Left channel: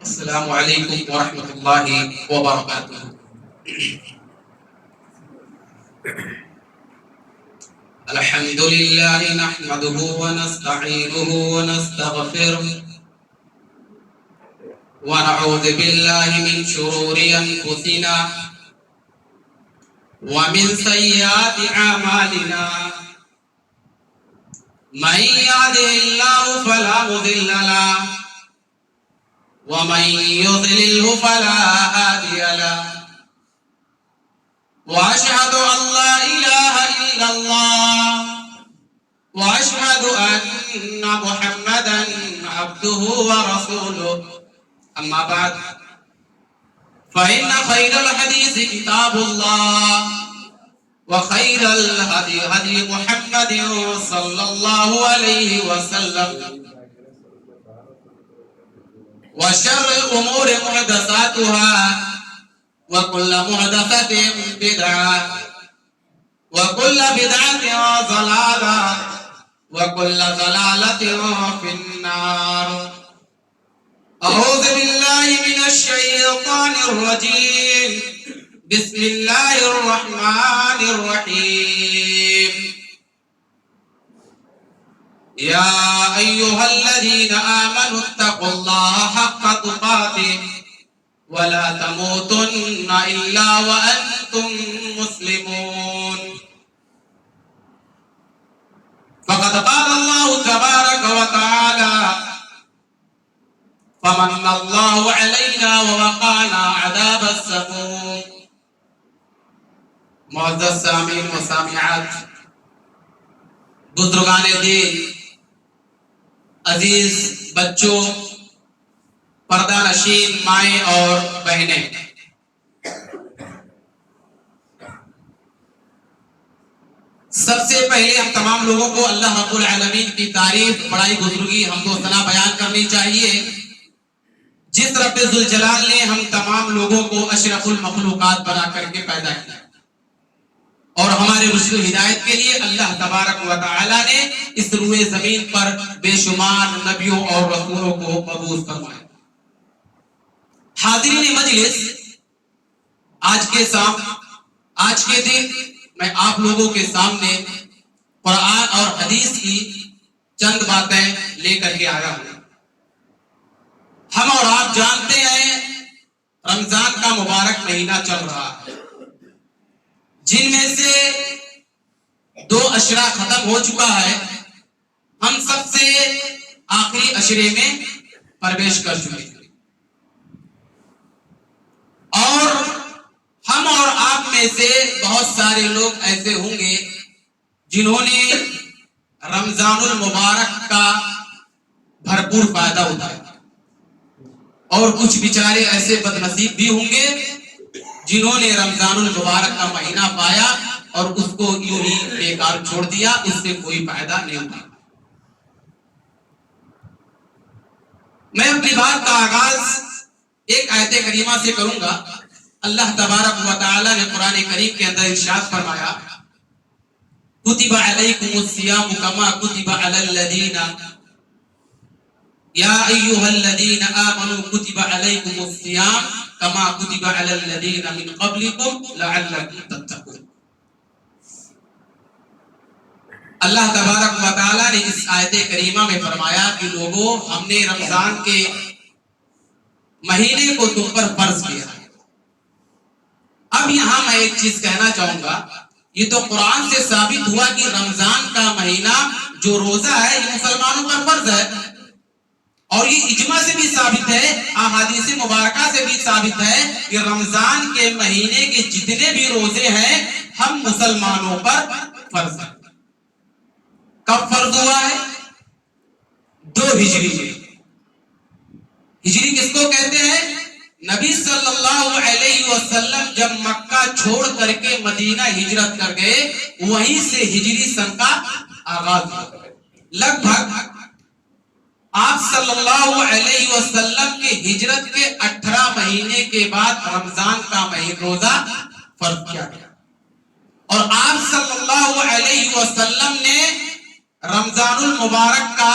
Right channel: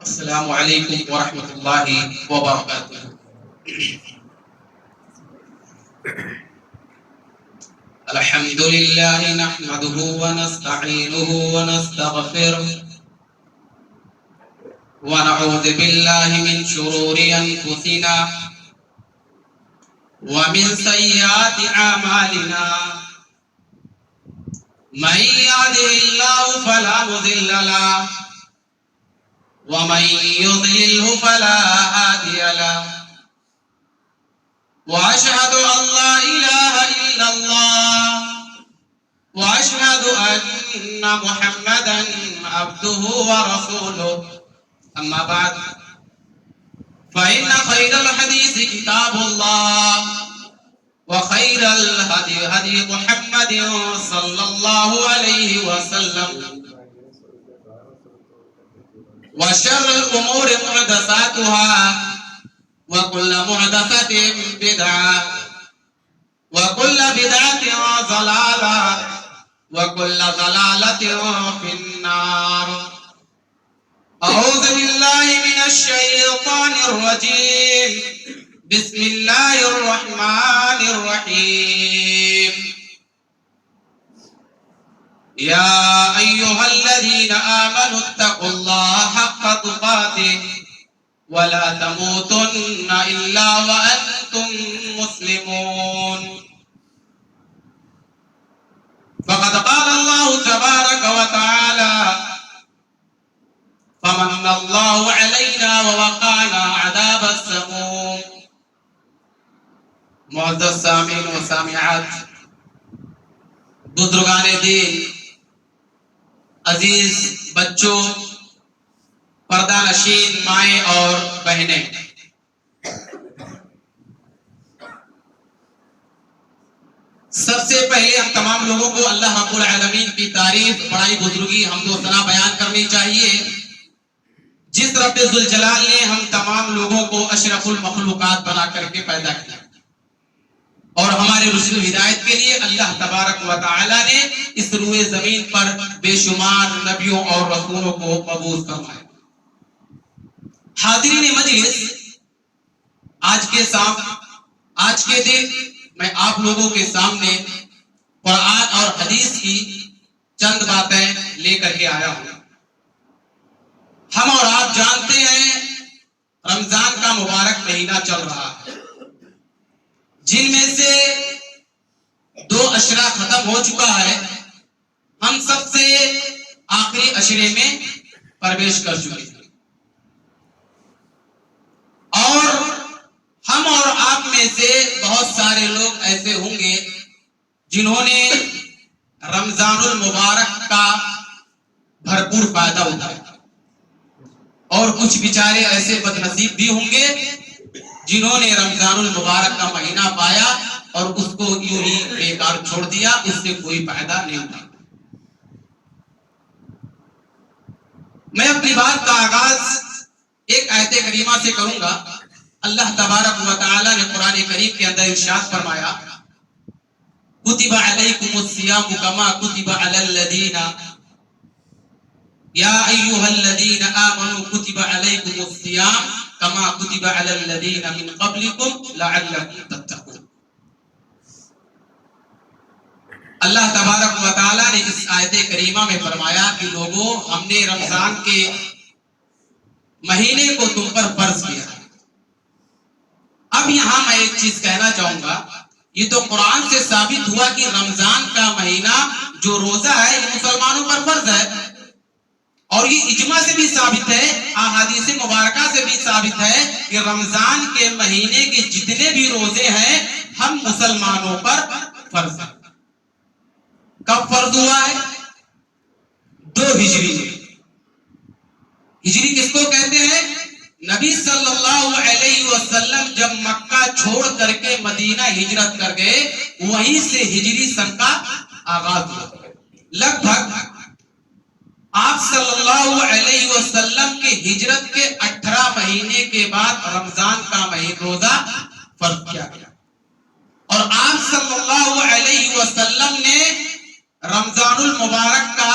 السلام علیکم ورحمۃ اللہ وبرکاتہ۔ الحمد للہ نحمده ونستعینه ونستغفره ونعوذ باللہ من شرور انفسنا ومن سیئات اعمالنا، من يهده الله فلا مضل له ومن يضلله فلا هادي له، واشهد ان لا اله الا الله واشهد ان محمدا عبده ورسوله، اما بعد فان خير الحديث كتاب الله وخير الهدي هدي محمد صلى الله عليه وسلم، وشر الأمور محدثاتها وكل محدثة بدعة وكل بدعة ضلالة وكل ضلالة في النار. أعوذ بالله من الشيطان الرجيم، بسم الله الرحمن الرحيم. يا أيها الذين آمنوا اتقوا الله حق تقاته ولا تموتن إلا وأنتم مسلمون. فقد قال الله تبارك وتعالى: فمن الله علينا ووقانا عذاب السموم. معزز سامعین و سامعات، بزرگان دین، عزیز بچوں، پردہ نشین مائیں اور بہنیں، سب سے پہلے ہم تمام لوگوں کو اللہ رب العالمین کی تعریف، بڑائی، بزرگی، حمد و ثنا بیان کرنی چاہیے، جس رب ذوالجلال نے ہم تمام لوگوں کو اشرف المخلوقات بنا کر کے پیدا کیا اور ہمارے رشد و ہدایت کے لیے اللہ تبارک و تعالی نے اس روئے زمین پر بے شمار نبیوں اور رسولوں کو مبعوث فرمایا۔ حاضرین مجلس، آج کے دن میں آپ لوگوں کے سامنے قرآن اور حدیث کی چند باتیں لے کر کے آیا ہوں۔ ہم اور آپ جانتے ہیں رمضان کا مبارک مہینہ چل رہا ہے، جن میں سے 2 اشرا ختم ہو چکا ہے، ہم سب سے آخری اشرے میں پرویش کر چکے ہیں، اور ہم اور آپ میں سے بہت سارے لوگ ایسے ہوں گے جنہوں نے رمضان المبارک کا بھرپور فائدہ اٹھایا، اور کچھ بیچارے ایسے بد نصیب بھی ہوں گے جنہوں نے رمضان المبارک کا مہینہ پایا اور اس کو یوں ہی بیکار چھوڑ دیا، اس سے کوئی فائدہ نہیں ہوا۔ میں اپنی بات کا آغاز ایک آیت کریمہ سے کروں گا۔ اللہ تبارک و تعالی نے قرآن کریم کے اندر ارشاد فرمایا: کتب علیکم الصیام کما کتب علی الذین یا ایھا الذین آمنوا کتب علیکم الصیام کما کتب علی الذین من قبلکم لعلکم تتقون۔ اللہ تبارک و تعالی نے اس آیت کریمہ میں فرمایا کہ لوگوں، ہم نے رمضان کے مہینے کو تم پر فرض کیا ہے۔ اب یہاں میں ایک چیز کہنا چاہوں گا، یہ تو قرآن سے ثابت ہوا کہ رمضان کا مہینہ جو روزہ ہے یہ مسلمانوں پر فرض ہے، اور یہ اجماع سے بھی ثابت ہے، احادیث مبارکہ سے بھی ثابت ہے کہ رمضان کے مہینے کے جتنے بھی روزے ہیں ہم مسلمانوں پر فرض ہیں۔ کب فرض ہوا ہے؟ 2 ہجری میں۔ ہجری کس کو کہتے ہیں؟ نبی صلی اللہ علیہ وسلم جب مکہ چھوڑ کر کے مدینہ ہجرت کر گئے، وہیں سے ہجری سن کا آغاز ہوا۔ لگ بھگ آپ صلی اللہ علیہ وسلم کے ہجرت کے 18 مہینے کے بعد رمضان کا روزہ فرض کیا گیا، اور آپ صلی اللہ علیہ وسلم نے رمضان المبارک کا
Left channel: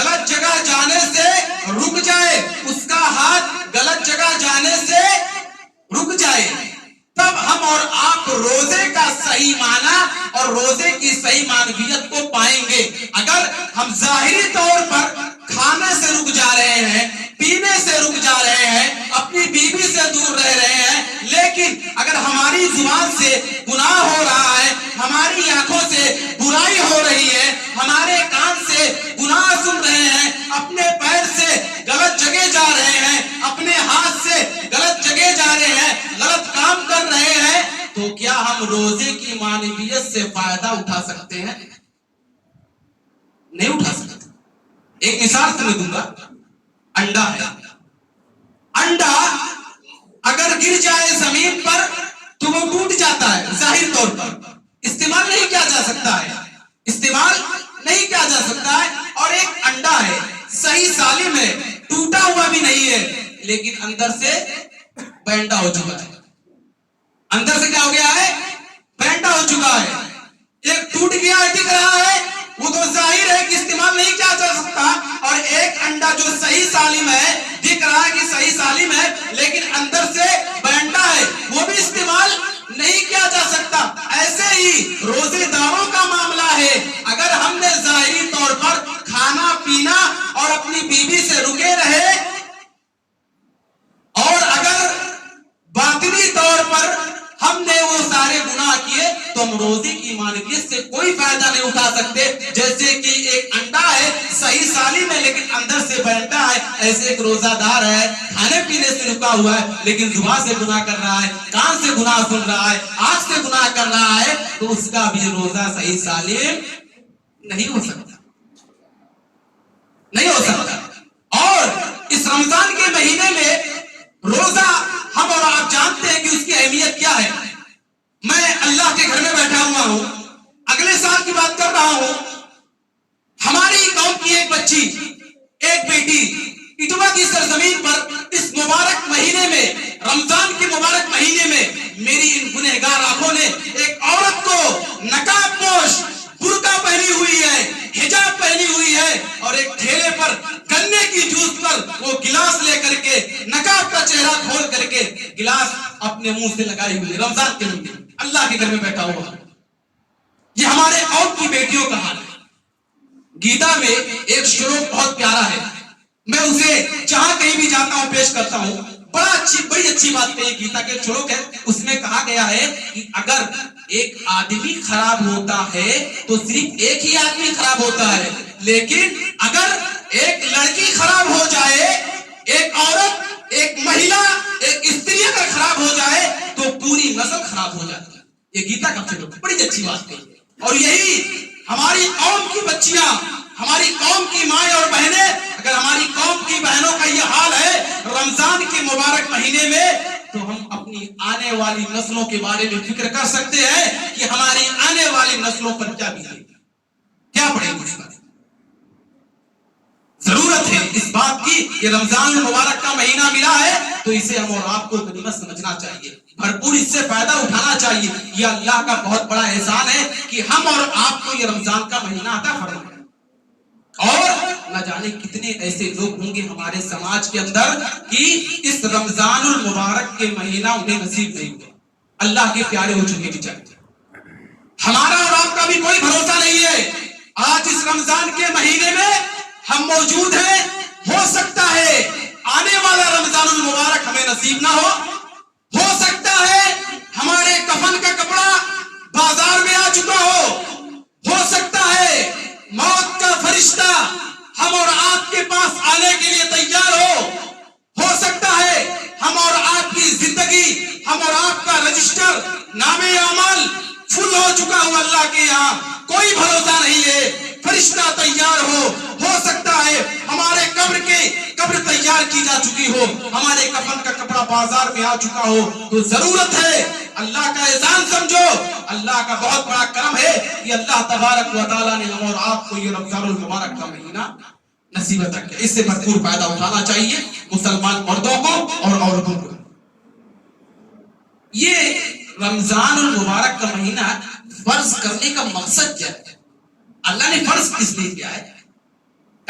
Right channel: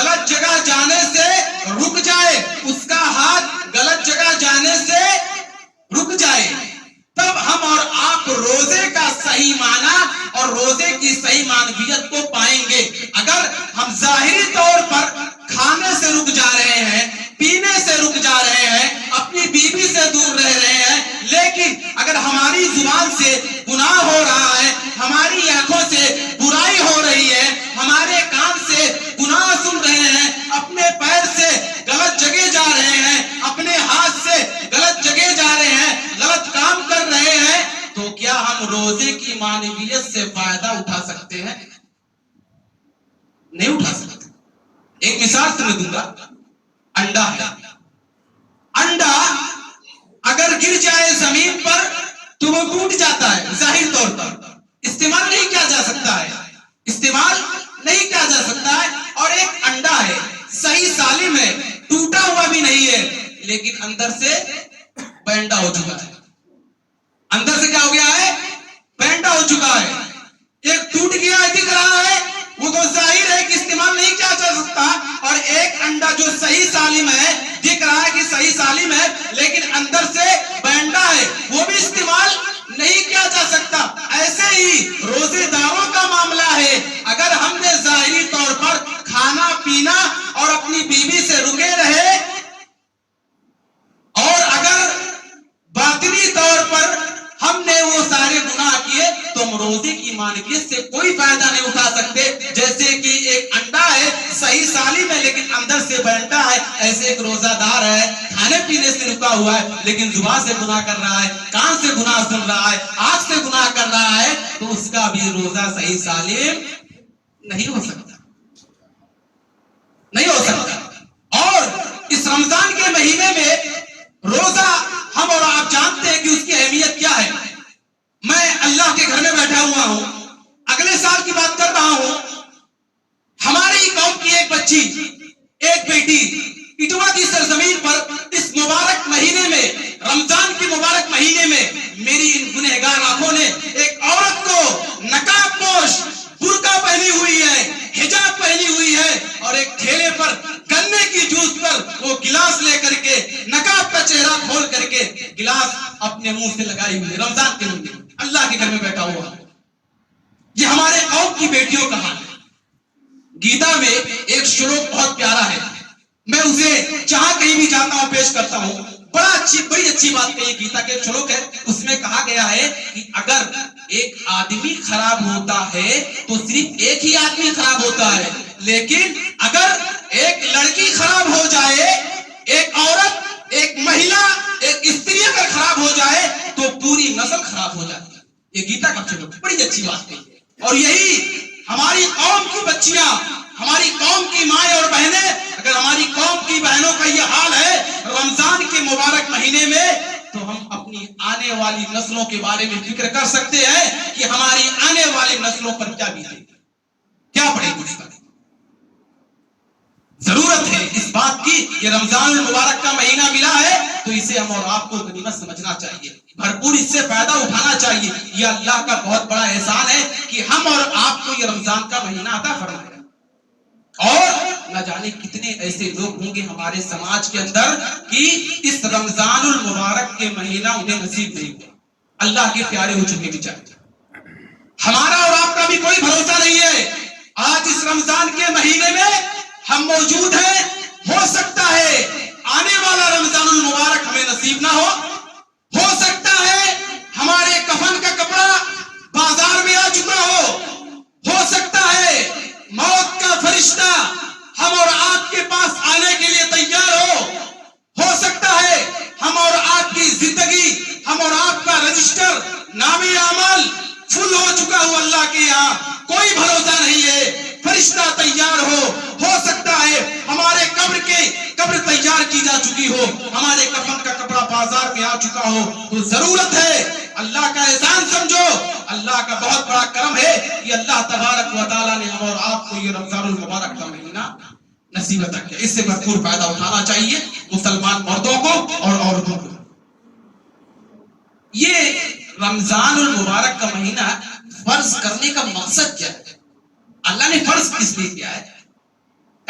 غلط جگہ جانے سے رک جائے، اس کا ہاتھ غلط جگہ جانے سے رک جائے، تب ہم اور آپ روزے کا صحیح معنی اور روزے کی صحیح معنویت کو پائیں گے۔ اگر ہم ظاہری طور پر کھانے سے رک جا رہے ہیں، پینے سے رک جا رہے ہیں، اپنی بیوی سے دور رہ رہے ہیں، لیکن اگر ہماری زبان سے گناہ ہو رہا ہے، ہماری آنکھوں سے برائی ہو رہی ہے، ہمارے کان سے گناہ سن رہے ہیں، اپنے پیر سے غلط جگہ جا رہے ہیں، اپنے ہاتھ سے غلط جگہ جا رہے ہیں، غلط کام کر رہے ہیں، تو کیا ہم روزے کی معنویت سے فائدہ اٹھا سکتے ہیں؟ نہیں اٹھا سکتے۔ ایک مثال تمہیں دوں گا، انڈا ہے، انڈا اگر گر جائے زمین پر تو وہ ٹوٹ جاتا ہے، ظاہر طور پر استعمال نہیں کیا جا سکتا ہے، استعمال نہیں کیا جا سکتا ہے۔ اور ایک انڈا ہے، صحیح سالم ہے، ٹوٹا ہوا بھی نہیں ہے، لیکن اندر سے بینڈا ہو چکا ہے، اندر سے کیا ہو گیا ہے؟ بینڈا ہو چکا ہے، ایک ٹوٹ گیا ہے دکھ رہا ہے، وہ تو ظاہر ہے کہ استعمال نہیں کیا جا سکتا، اور ایک انڈا جو صحیح سالم ہے، دکھ رہا ہے کہ صحیح سالم ہے، لیکن اندر سے بینڈا ہے، وہ بھی استعمال نہیں کیا جا سکتا۔ ایسے ہی روزے داروں کا معاملہ ہے، اگر ہم نے ظاہری طور پر کھانا پینا اور اپنی بیوی سے رکے رہے، اور اگر باطنی طور پر ہم نے وہ سارے گناہ کیے، تو ہم روزے کی معنویت سے کوئی فائدہ نہیں اٹھا سکتے۔ جیسے کہ ایک انڈا ہے، صحیح سالم ہے، لیکن اندر سے بینڈا ہے، ایسے ایک روزہ دار ہے، کھانے پینے سے رکا ہوا ہے، لیکن زبان سے گناہ کر رہا ہے، کان سے گناہ سن رہا ہے، آنکھ سے گناہ کر رہا ہے، تو اس کا بھی روزہ صحیح سالم نہیں ہو سکتا، نہیں ہو سکتا۔ اور اس رمضان کے مہینے میں روزہ ہم اور آپ جانتے ہیں کہ اس کی اہمیت کیا ہے۔ میں اللہ کے گھر میں بیٹھا ہوا ہوں، اگلے سال کی بات کر رہا ہوں، ہماری قوم کی ایک بچی، ایک بیٹی اٹوا کی سرزمین پر اس مبارک مہینے میں، رمضان کے مبارک مہینے میں، میری ان گنہگار آنکھوں نے ایک عورت کو نقاب پوش، برقع پہنی ہوئی ہے، حجاب پہنی ہوئی ہے، اور ایک ٹھیلے پر گنے کی جوس پر وہ گلاس لے کر کے، نقاب کا چہرہ کھول کر کے گلاس اپنے منہ سے لگائی ہوئی، رمضان کے مہینے میں اللہ کے گھر میں بیٹھا ہوا۔ یہ ہمارے قوم کی بیٹیوں کا حال ہے۔ گیتا میں ایک شلوک بہت پیارا ہے، میں اسے جہاں کہیں بھی جاتا ہوں پیش کرتا ہوں، بڑی اچھی بات کہی۔ گیتا کے شلوک ہے، اس میں کہا گیا ہے کہ اگر ایک آدمی خراب ہوتا ہے تو صرف ایک ہی آدمی خراب ہوتا ہے، لیکن اگر ایک لڑکی خراب ہو جائے، ایک عورت، ایک مہیلا، ایک استری اگر خراب ہو جائے تو پوری نسل خراب ہو جاتی ہے۔ یہ گیتا کا شلوک، بڑی اچھی بات ہے۔ اور یہی ہماری قوم کی بچیاں، ہماری قوم کی مائیں اور بہنیں، اگر ہماری قوم کی بہنوں کا یہ حال ہے رمضان کے مبارک مہینے میں، تو ہم اپنی آنے والی نسلوں کے بارے میں فکر کر سکتے ہیں کہ ہماری آنے والی نسلوں پر کیا بیتے گی، کیا پڑے گی۔ ضرورت ہے اس بات کی کہ رمضان المبارک کا مہینہ ملا ہے تو اسے ہم اور آپ کو غنیمت سمجھنا چاہیے، بھرپور اس سے فائدہ اٹھانا چاہیے۔ یہ اللہ کا بہت بڑا احسان ہے کہ ہم اور آپ کو یہ رمضان کا مہینہ عطا فرمایا، اور نہ جانے کتنے ایسے لوگ ہوں گے ہمارے سماج کے اندر کہ اس رمضان المبارک کے مہینہ انہیں نصیب نہیں ہوا، اللہ کے پیارے ہو چکے بیچارے۔ ہمارا اور آپ کا بھی کوئی بھروسہ نہیں ہے، آج اس رمضان کے مہینے میں ہم موجود ہیں، ہو سکتا ہے آنے والا رمضان المبارک ہمیں نصیب نہ ہو سکتا ہے ہمارے کفن کا کپڑا بازار میں آ چکا ہو سکتا ہے موت کا فرشتہ ہم اور آپ کے پاس آنے کے لیے تیار ہو سکتا ہے ہم اور آپ کی زندگی، ہم اور آپ کا رجسٹر نام اعمال فل ہو چکا ہو، اللہ کے یہاں کوئی بھروسہ نہیں ہے، فرشتہ تیار ہو سکتا ہے ہمارے قبر تیار کی جا چکی ہو، ہمارے کفن کا کپڑا بازار میں آ چکا ہو، تو ضرورت ہے اللہ کا احسان سمجھو، اللہ کا بہت بڑا کرم ہے کہ اللہ تبارک و تعالیٰ نے ہم اور آپ کو یہ رمضان المبارک کا مہینہ نصیب عطا کیا۔ اس سے بھرپور فائدہ اٹھانا چاہیے مسلمان مردوں کو اور عورتوں کو۔ یہ رمضان المبارک کا مہینہ فرض کرنے کا مقصد کیا ہے؟ اللہ نے فرض کس لیے کیا ہے؟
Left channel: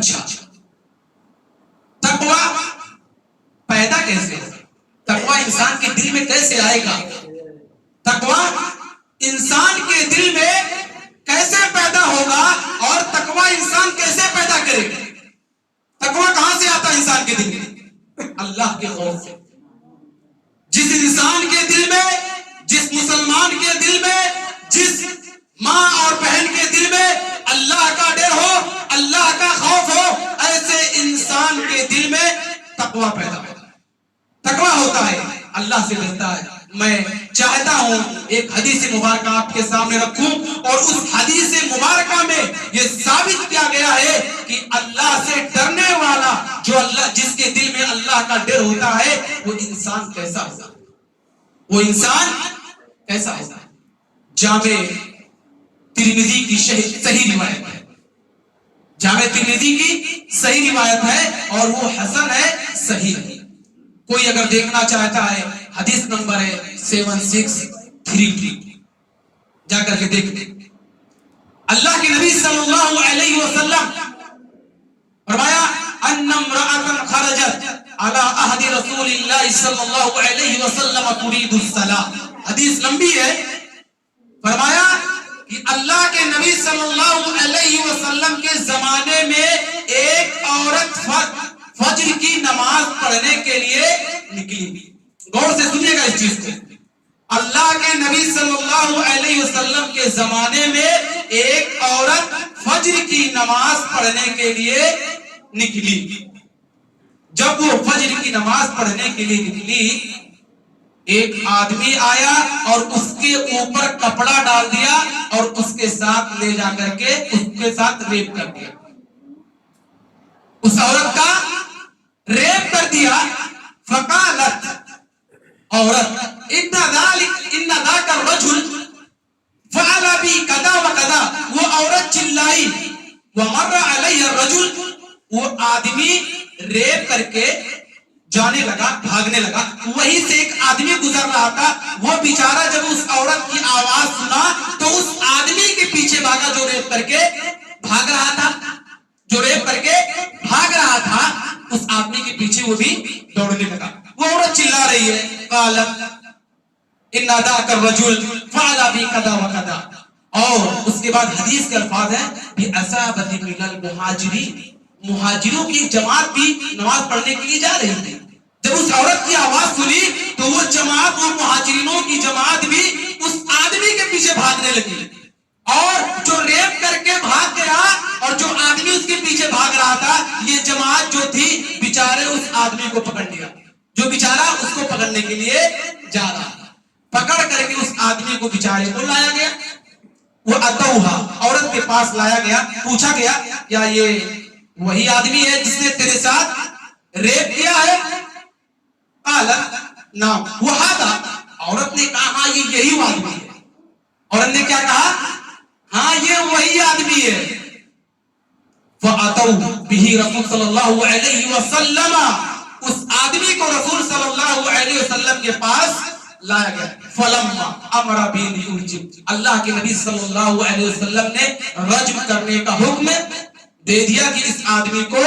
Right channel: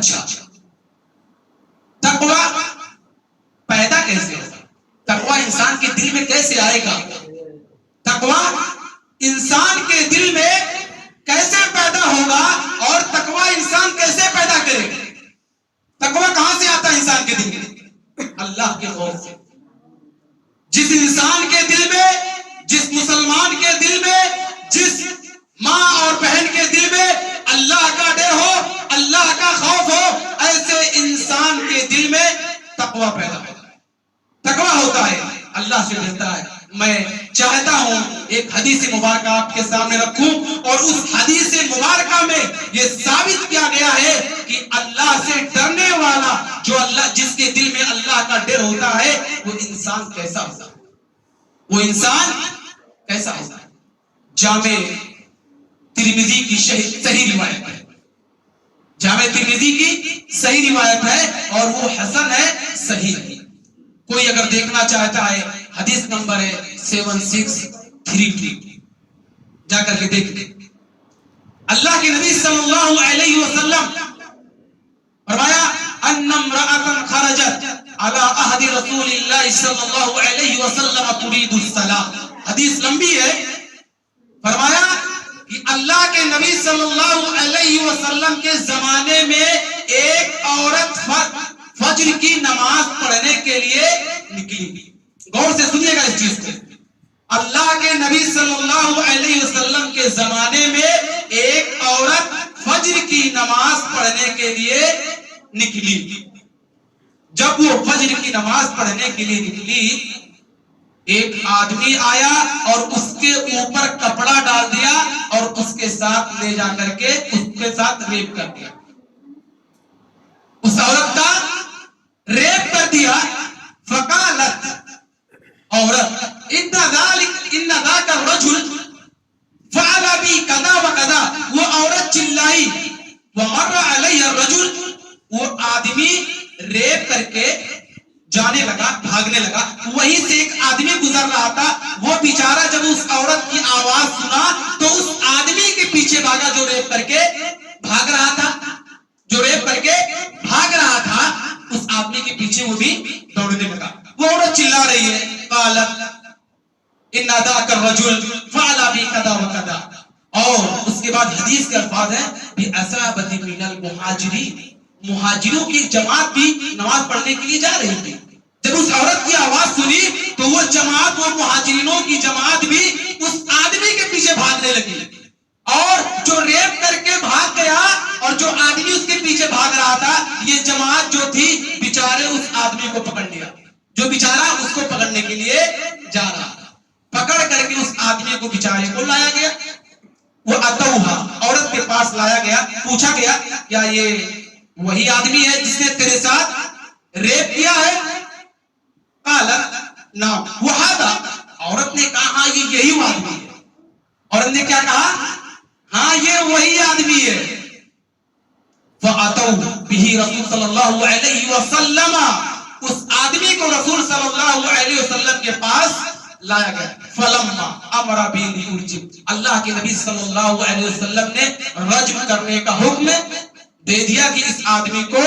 اچھا تقوی پیدا کیسے ہوگا؟ تقوی انسان کے دل میں کیسے آئے گا؟ تقوی انسان کے دل میں کیسے پیدا ہوگا اور تقوی انسان کیسے پیدا کرے گا؟ تقوی کہاں سے آتا ہے انسان کے دل میں؟ اللہ کے خوف سے. جس انسان کے دل میں، جس مسلمان کے دل میں، جس ماں اور بہن کے دل میں اللہ کا ڈر ہو، اللہ کا خوف ہو، ایسے انسان کے دل میں تقوی پیدا ہوتا ہے. تقوی ہوتا ہے اللہ سے ڈرتا ہے. میں چاہتا ہوں ایک حدیث مبارکہ آپ کے سامنے رکھوں اور اس حدیث مبارکہ میں یہ ثابت کیا گیا ہے کہ اللہ سے ڈرنے والا، جو اللہ جس کے دل میں اللہ کا ڈر ہوتا ہے، وہ انسان کیسا ہوتا ہے، وہ انسان کیسا ہوتا ہے. جامع ترمذی کی صحیح روایت ہے، جامع ترمذی کی صحیح روایت ہے اور وہ حسن ہے، صحیح ہے. کوئی اگر دیکھنا چاہتا ہے حدیث نمبر ہے 7633، جا کر کے دیکھ لیں. اللہ کے نبی صلی اللہ علیہ وسلم فرمایا ان امرأة خرجت على عهد رسول اللہ صلی اللہ علیہ وسلم تريد الصلاة. حدیث لمبی ہے. فرمایا کہ اللہ کے نبی صلی اللہ علیہ وسلم کے زمانے میں ایک عورت فجر کی نماز پڑھنے کے لیے نکلی. غور سے سنیے گا اس چیز کو. اللہ کے نبی صلی اللہ علیہ وسلم کے زمانے میں ایک عورت فجر کی نماز پڑھنے کے لیے نکلی. جب وہ فجر کی نماز پڑھنے کے لیے نکلی، ایک آدمی آیا اور اس کے اوپر کپڑا ڈال دیا اور اس کے ساتھ لے جا کر کے اس کے ساتھ ریپ کر دیا. اس عورت کا ریپ کر دیا. فقالت، عورت، ان ذاک الرجل فعل بی کذا و کذا، وہ عورت چلائی. ومر علیہ الرجل، وہ آدمی ریپ کر کے جانے لگا، بھاگنے لگا. وہیں سے ایک آدمی گزر رہا تھا. وہ بیچارہ جب اس عورت کی آواز سنا تو اس آدمی کے پیچھے بھاگا جو ریپ کر کے بھاگ رہا تھا، جو ریپ کر کے بھاگ رہا تھا. اس آدمی کے پیچھے وہ بھی دوڑنے لگا. وہ عورت چلا رہی ہے، قالت ان ذاک الرجل فعل بی کذا و کذا. اور اس کے بعد حدیث کے الفاظ ہیں بِأَصَابَةٍ مِنَ الْمُهَاجِرِينَ، مہاجروں کی جماعت بھی نماز پڑھنے کے لیے جا رہی تھی. جب اس عورت کی آواز سنی تو وہ جماعت، وہ مہاجرینوں کی جماعت بھی اس آدمی کے پیچھے بھاگنے لگی. اور جو ریپ کر کے بھاگ گیا اور جو آدمی اس کے پیچھے بھاگ رہا تھا، یہ جماعت جو تھی بیچارے اس آدمی کو پکڑ لیا، جو بیچارہ اس کو پکڑنے کے لیے جا رہا تھا. پکڑ کر کے اس آدمی کو بیچارے کو لایا گیا. وہ اتوہا، عورت کے پاس لایا گیا. پوچھا گیا کیا یہ وہی آدمی ہے جس نے تیرے ساتھ ریپ کیا ہے؟ قالت نعم وہذا، عورت نے کہا ہاں یہ یہی آدمی ہے. عورت نے کیا کہا؟ ہاں یہ وہی آدمی ہے. فَأَتَوْا بِهِ رسول صلی اللہ علیہ وسلم، اس آدمی کو رسول صلی اللہ علیہ وسلم کے پاس لایا گیا. فلما امر بالرجم، اللہ کے نبی صلی اللہ علیہ وسلم نے رجم کرنے کا حکم دے دیا کہ اس آدمی کو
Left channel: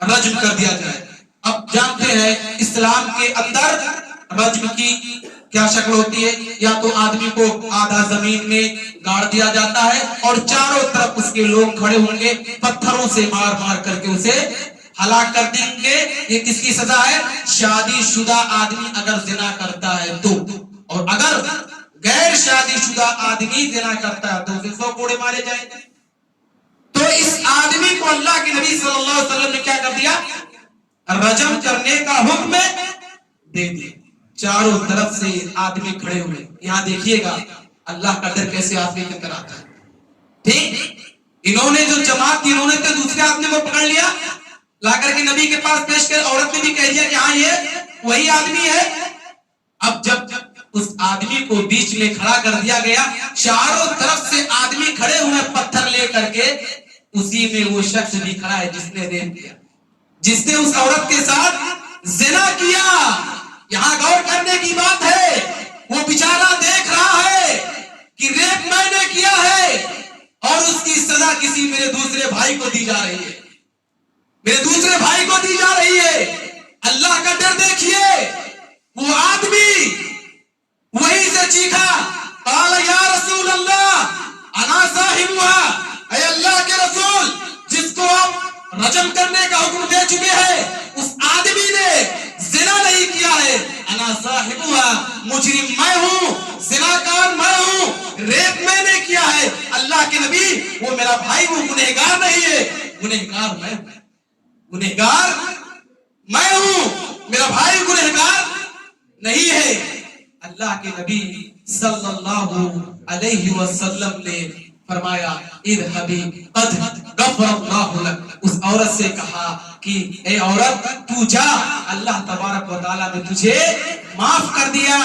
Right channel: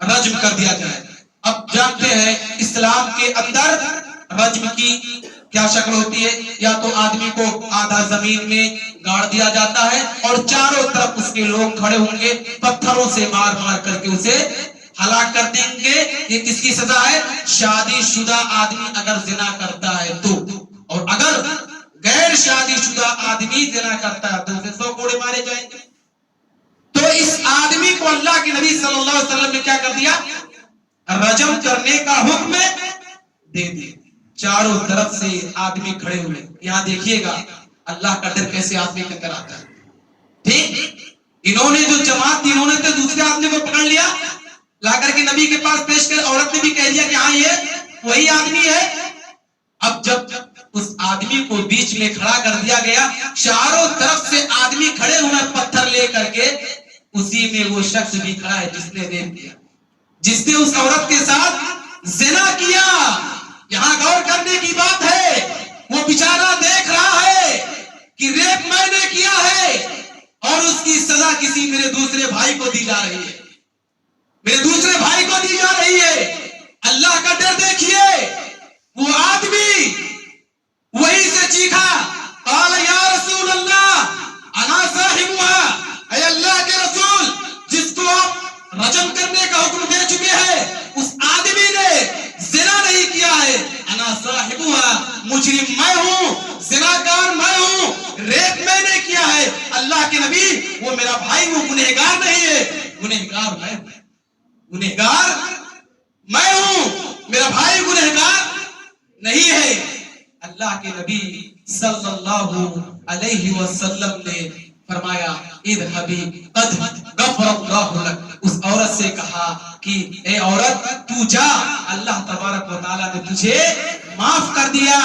رجم کر دیا جائے. اب جانتے ہیں اسلام کے اندر رجم کی کیا شکل ہوتی ہے. یا تو آدمی کو آدھا زمین میں گاڑ دیا جاتا ہے اور چاروں طرف اس کے لوگ کھڑے ہوں گے، پتھروں سے مار مار کر کے اسے ہلاک کر دیں گے. یہ کس کی سزا ہے؟ شادی شدہ آدمی اگر زنا کرتا ہے تو، اور اگر غیر شادی شدہ آدمی زنا کرتا ہے تو اسے 100 کوڑے مارے جائیں گے. تو اس آدمی کو اللہ کے نبی صلی اللہ علیہ وسلم نے کیا کر دیا؟ رجم کرنے کا حکم دے دیا. چاروں طرف سے آدمی کھڑے ہوئے. یہاں دیکھیے گا اللہ کا ڈر کیسے آدمی کے اندر آتا ہے. ٹھیک، انہوں نے جو جماعت تھی انہوں نے تو دوسرے آدمی کو پکڑ لیا، لا کر کے نبی کے پاس پیش کر. عورت نے بھی کہہ دیا کہ ہاں یہ وہی آدمی ہے. اب جب اس آدمی کو بیچ میں کھڑا کر دیا گیا، چاروں طرف سے آدمی کھڑے ہوئے پتھر لے کر کے، اسی میں وہ شخص بھی کھڑا ہے جس نے ریپ کیا، جس نے اس عورت کے ساتھ زنا کیا. یہاں غور کرنے کی بات ہے، وہ بیچارہ دیکھ رہا ہے کہ ریپ میں نے کیا ہے اور اس کی سزا کسی میرے دوسرے بھائی کو دی جا رہی ہے. میرے دوسرے بھائی کو دی جا رہی ہے. اللہ کا ڈر دیکھیے. وہ آدمی وہیں سے چیخا, قال یا رسول اللہ انا صاحبها, اے اللہ کے رسول, جس کو آپ رجم کرنے کا حکم دے چکے ہیں اس آدمی نے زنا نہیں کیا ہے. انا صاحبها, مجرم میں ہوں, زناکار میں ہوں, ریپ میں نے کیا ہے. اللہ کے نبی, وہ میرا بھائی وہ گنہگار نہیں ہے, گنہگار میں ہوں, گنہگار میں ہوں, میرا بھائی گنہگار نہیں ہے. اللہ کے نبی صلی اللہ علیہ وسلم نے فرمایا اذهبی قد غفر اللہ لک. اس عورت سے کہا کہ اے عورت تو جا, اللہ تبارک و تعالیٰ نے تجھے معاف کر دیا.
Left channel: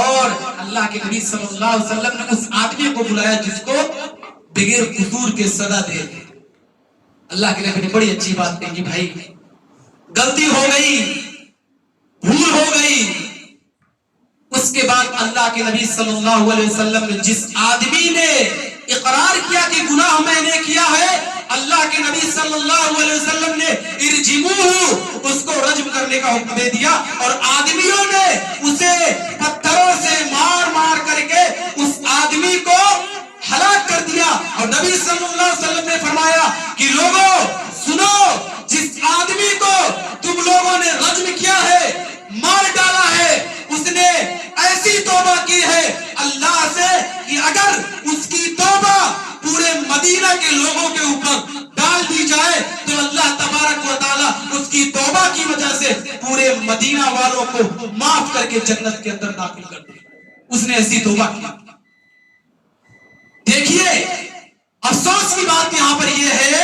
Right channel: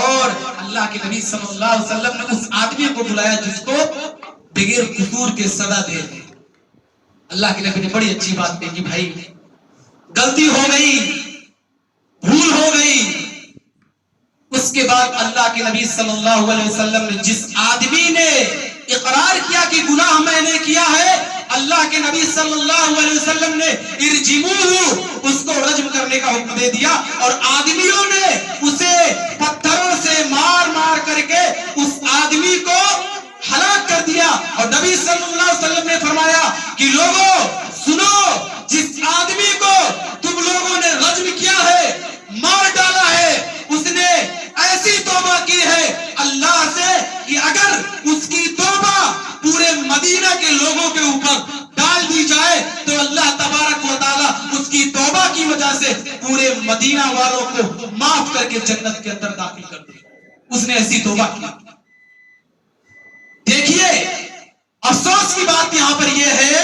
اور اللہ کے نبی صلی اللہ علیہ وسلم نے اس آدمی کو بلایا جس کو بغیر قصور کے سزا دے. اللہ کے نبی نے بڑی اچھی بات کہی, بھائی غلطی ہو گئی, بھول ہو گئی. اس کے بعد اللہ کے نبی صلی اللہ علیہ وسلم نے جس آدمی نے اقرار کیا کہ گناہ میں نے کیا ہے, اللہ کے نبی صلی اللہ علیہ وسلم نے ارجموہ, اس کو رجم کرنے کا حکم دے دیا. اور آدمیوں نے اسے پتھروں سے مار مار کر کے اس آدمی کو ہلاک کر دیا. اور نبی صلی اللہ علیہ وسلم نے فرمایا کہ لوگوں سنو, جس آدمی کو تم لوگوں نے رجم کیا ہے, مار ڈالا ہے, اس نے ایسی توبہ کی ہے اللہ سے کہ اگر اس کی توبہ پورے مدینہ کے لوگوں کے اوپر ڈال دی جائے تو اللہ تبارک و تعالیٰ اس کی توبہ کی وجہ سے پورے مدینہ والوں کو معاف کر کے جنت کے اندر داخل کر دے. اس نے ایسی توبہ کی. دیکھیے افسوس کی بات یہاں پر یہ ہے,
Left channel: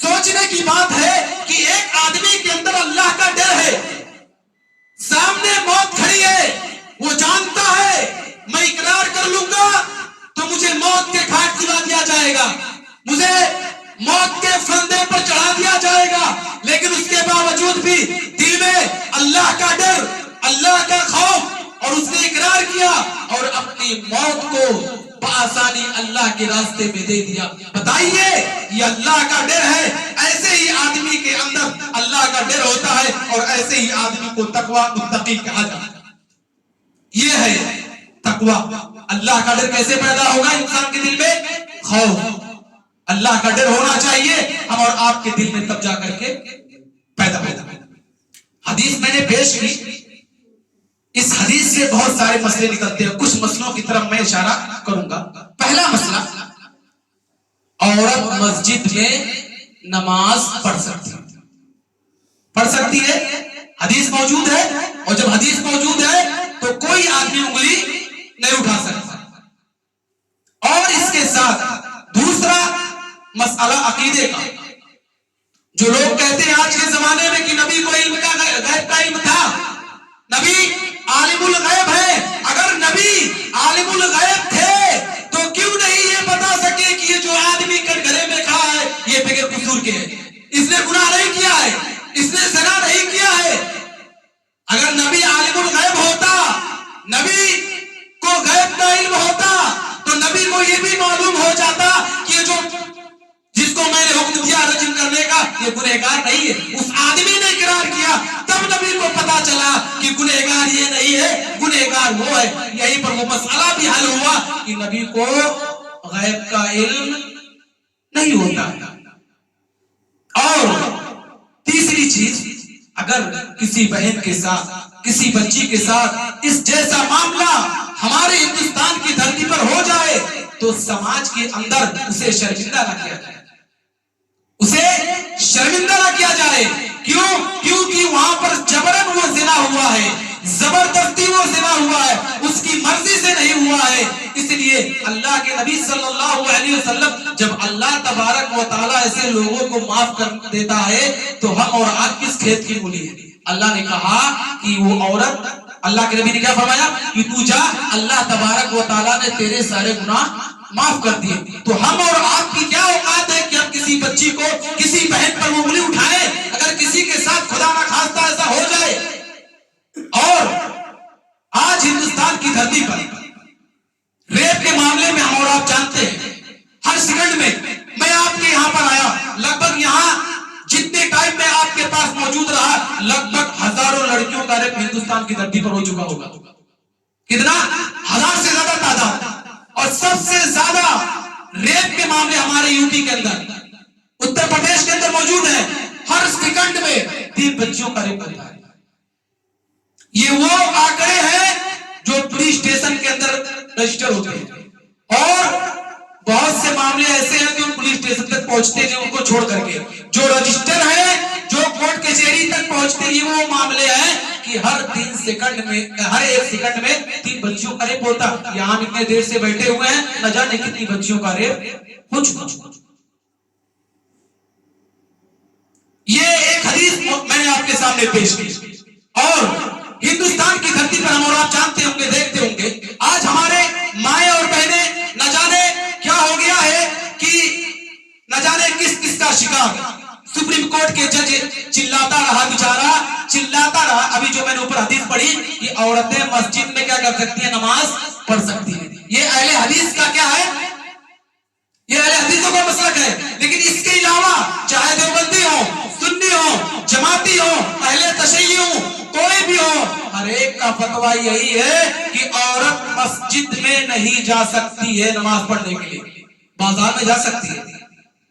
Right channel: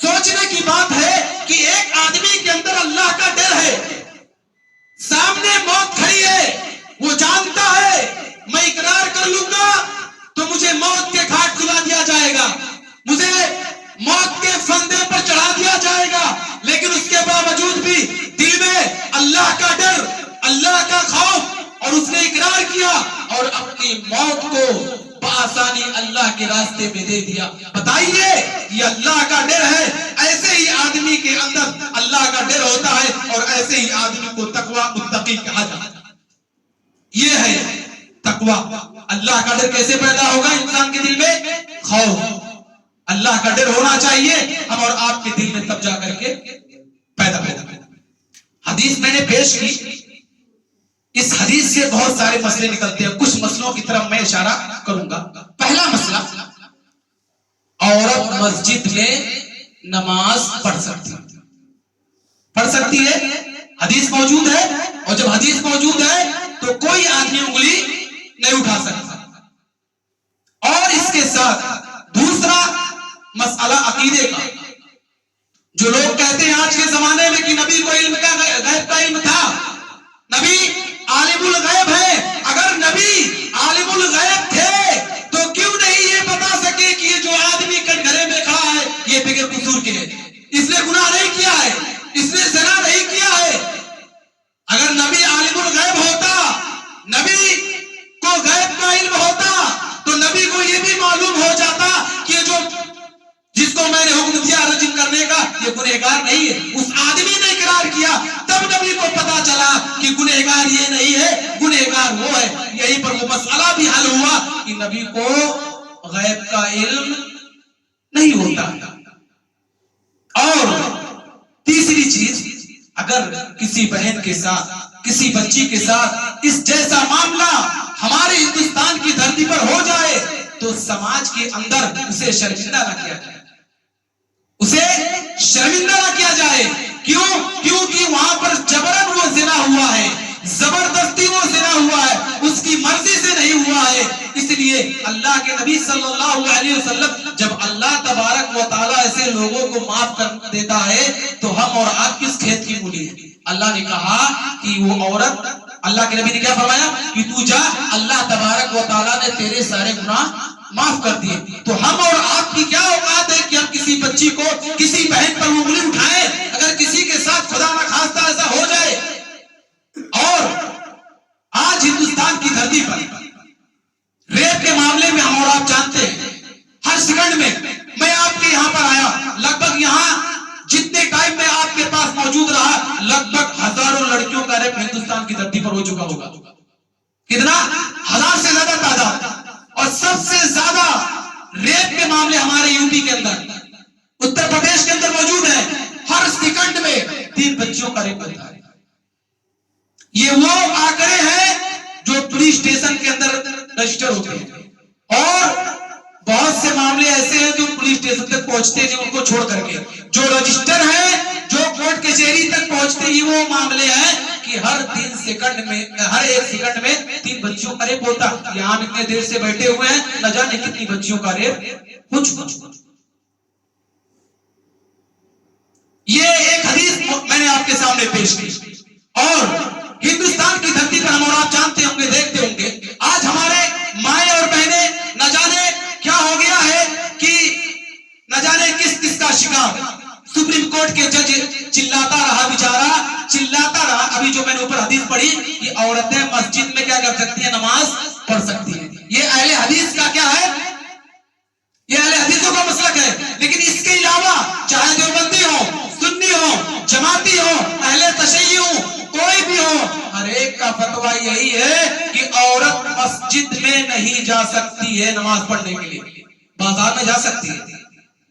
سوچنے کی بات ہے کہ ایک آدمی کے اندر اللہ کا ڈر ہے, سامنے موت کھڑی ہے, وہ جانتا ہے میں اقرار کر لوں گا تو مجھے موت کے گھاٹ کھلا دیا جائے گا, مجھے موت کے فندے پر چڑھا دیا جائے گا, لیکن اس کے باوجود بھی دل میں اللہ کا ڈر, اللہ کا خوف, اور اس نے اقرار کیا اور اپنی موت کو بآسانی اللہ کے راستے میں دے دیا. بتائیے یہ اللہ کا ڈر ہے. ایسے ہی آدمی کے اندر اللہ کا ڈر ہوتا ہے اور ایسے ہی آدمی کو تقوی متقی کہا جاتا ہے. یہ ہے تقوی. اللہ کا ڈر کیسے پیدا ہوگا انسان کے دل میں؟ خوف. اللہ کا ڈر ہونا چاہیے ہم اور آپ کے دل میں, تب جا کر کے پیدا ہوگا. حدیث میں نے پیش کی, اس حدیث سے بہت سارے مسئلے نکلتے ہیں. کچھ مسئلوں کی طرف میں اشارہ کروں گا. پہلا مسئلہ, عورت مسجد میں نماز پڑھ سکتی ہے. حدیث موجود ہے, اور جب حدیث موجود ہے تو کوئی آدمی انگلی نہیں اٹھا سکتا. اور اس کے ساتھ دوسرا مسئلہ عقیدے کا. جو لوگ کہتے ہیں آج کے زمانے میں کہ نبی کو علم کا غیب کا علم تھا, نبی عالم الغیب ہے. اگر نبی عالم الغیب تھے تو کیوں نہیں یہ بتا سکے کہ یہ جو آدمی کٹگرے میں کھڑا ہے یہ بغیر قصور کے ہے, اس نے گناہ نہیں کیا ہے, اس نے زنا نہیں کیا ہے. اگر نبی عالم الغیب ہوتا, نبی کو غیب کا علم ہوتا تو نبی کو یہ بھی معلوم ہو جاتا کہ جو جس کو میں نے حکم دیا رجم کرنے کا یہ گنہگار نہیں ہے. اس آدمی نے اقرار کیا, تب نبی کو پتا چلا کہ گنہگار یہ نہیں ہے, گنہگار وہ ہے. یہیں پر وہ مسئلہ بھی حل ہوا کہ نبی کو غیب کا علم نہیں ہوتا. اور تیسری چیز, اگر کسی بہن کے ساتھ, کسی بچی کے ساتھ اس جیسا معاملہ ہمارے ہندوستان کی دھرتی پر ہو جائے تو سماج کے اندر اسے شرمندہ نہ کیا جائے, اسے شرمندہ نہ کیا جائے. کیوں؟ کیونکہ وہاں پر جبرن وہ زنا ہوا ہے, زبردستی وہ زنا ہوا ہے, اس کی مرضی سے نہیں ہوا ہے. اس لیے اللہ کے نبی صلی اللہ علیہ وسلم, جب اللہ تبارک و تعالیٰ ایسے لوگوں کو معاف کر دیتا ہے تو ہم اور آپ کس کھیت کی مولی ہے؟ اللہ نے کہا کہ وہ عورت, اللہ کے نبی نے کیا فرمایا کہ تو جا, اللہ تبارک و تعالیٰ نے تیرے سارے گناہ معاف کر دیے. تو ہم اور آپ کی کیا اوقات ہے کہ ہم کسی بچی کو, کسی بہن پر انگلی اٹھائیں اگر کسی کے ساتھ خدا نہ خواستہ ایسا ہو جائے. اور آج ہندوستان کی دھرتی پر ریپ کے معاملے میں ہم اور آپ جانتے ہیں ہر سیکنڈ میں, میں آپ کے یہاں پر آیا, لگ بھگ یہاں جتنے ٹائم میں پر ہو چکا ہوگا. کتنا؟ 1000 سے زیادہ تعداد. اور سب سے زیادہ ریپ کے معاملے ہمارے یو پی کے اندر، اتر پردیش کے اندر موجود ہے. ہر سیکنڈ میں 3 بچیوں کا ریپ ہوتا ہے. یہ وہ آنکڑے ہیں جو پولیس اسٹیشن کے اندر رجسٹر ہوتے ہیں، اور بہت سے معاملے ایسے ہیں جو پولیس اسٹیشن تک پہنچتے نہیں ان کو چھوڑ کر کے. جو رجسٹر ہے، جو کورٹ کچہری تک پہنچتے ہی وہ معاملے ہیں کہ ہر 1 سیکنڈ میں 3 بچیوں کا ریپ ہوتا. یہاں اتنے دیر سے بیٹھے ہوئے ہیں، نہ جانے کتنی بچیوں کا ریپ ہو چکا. یہ ایک حدیث میں نے آپ کے سامنے پیش کی. اور ہندوستان کی دھرتی پر ہم اور آپ جانتے ہوں گے، دیکھتے ہوں گے، آج ہمارے مائیں اور بہنیں نہ جانے کیا ہو گیا ہے کہ نہ جانے کس کا شکار. سپریم کورٹ کے جج چلاتا رہا، بیچارہ چلاتا رہا. ابھی جو میں نے اوپر حدیث پڑھی کہ عورتیں مسجد میں کیا کر سکتی ہیں؟ نماز پڑھ سکتی ہیں. یہ اہل حدیث کا کیا ہے؟ یہ اہل حدیثوں کا مسلک ہے. لیکن اس کے علاوہ چاہے دیوبندی ہو، سنی ہو، جماعتی ہو، اہل تشیع ہو، کوئی بھی ہو، ہر ایک کا فتویٰ یہی ہے کہ عورت مسجد میں نہیں جا سکتی ہے نماز پڑھنے کے لیے. بازار میں جا سکتی ہے.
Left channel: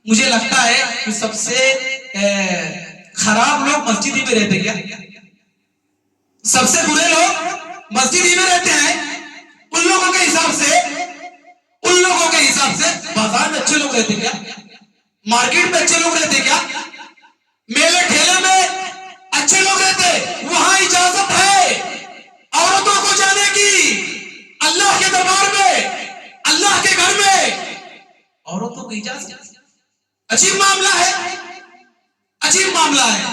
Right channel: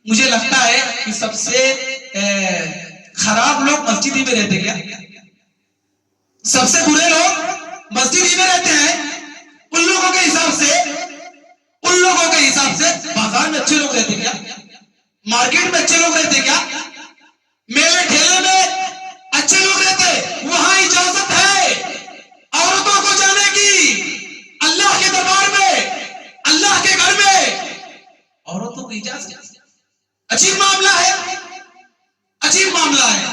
مجھے لگتا ہے کہ سب سے خراب لوگ مسجد ہی میں رہتے. کیا سب سے برے لوگ مسجد ہی میں رہتے ہیں؟ ان لوگوں کے حساب سے بازار میں اچھے لوگ رہتے کیا؟ مارکیٹ میں اچھے لوگ رہتے کیا؟ میلے ٹھیلے میں اچھے لوگ رہتے؟ وہاں اجازت ہے عورتوں کو جانے کی. اللہ کے دربار میں، اللہ کے گھر میں عورتوں کی اجازت. عجیب معاملہ ہے، عجیب معاملہ ہے.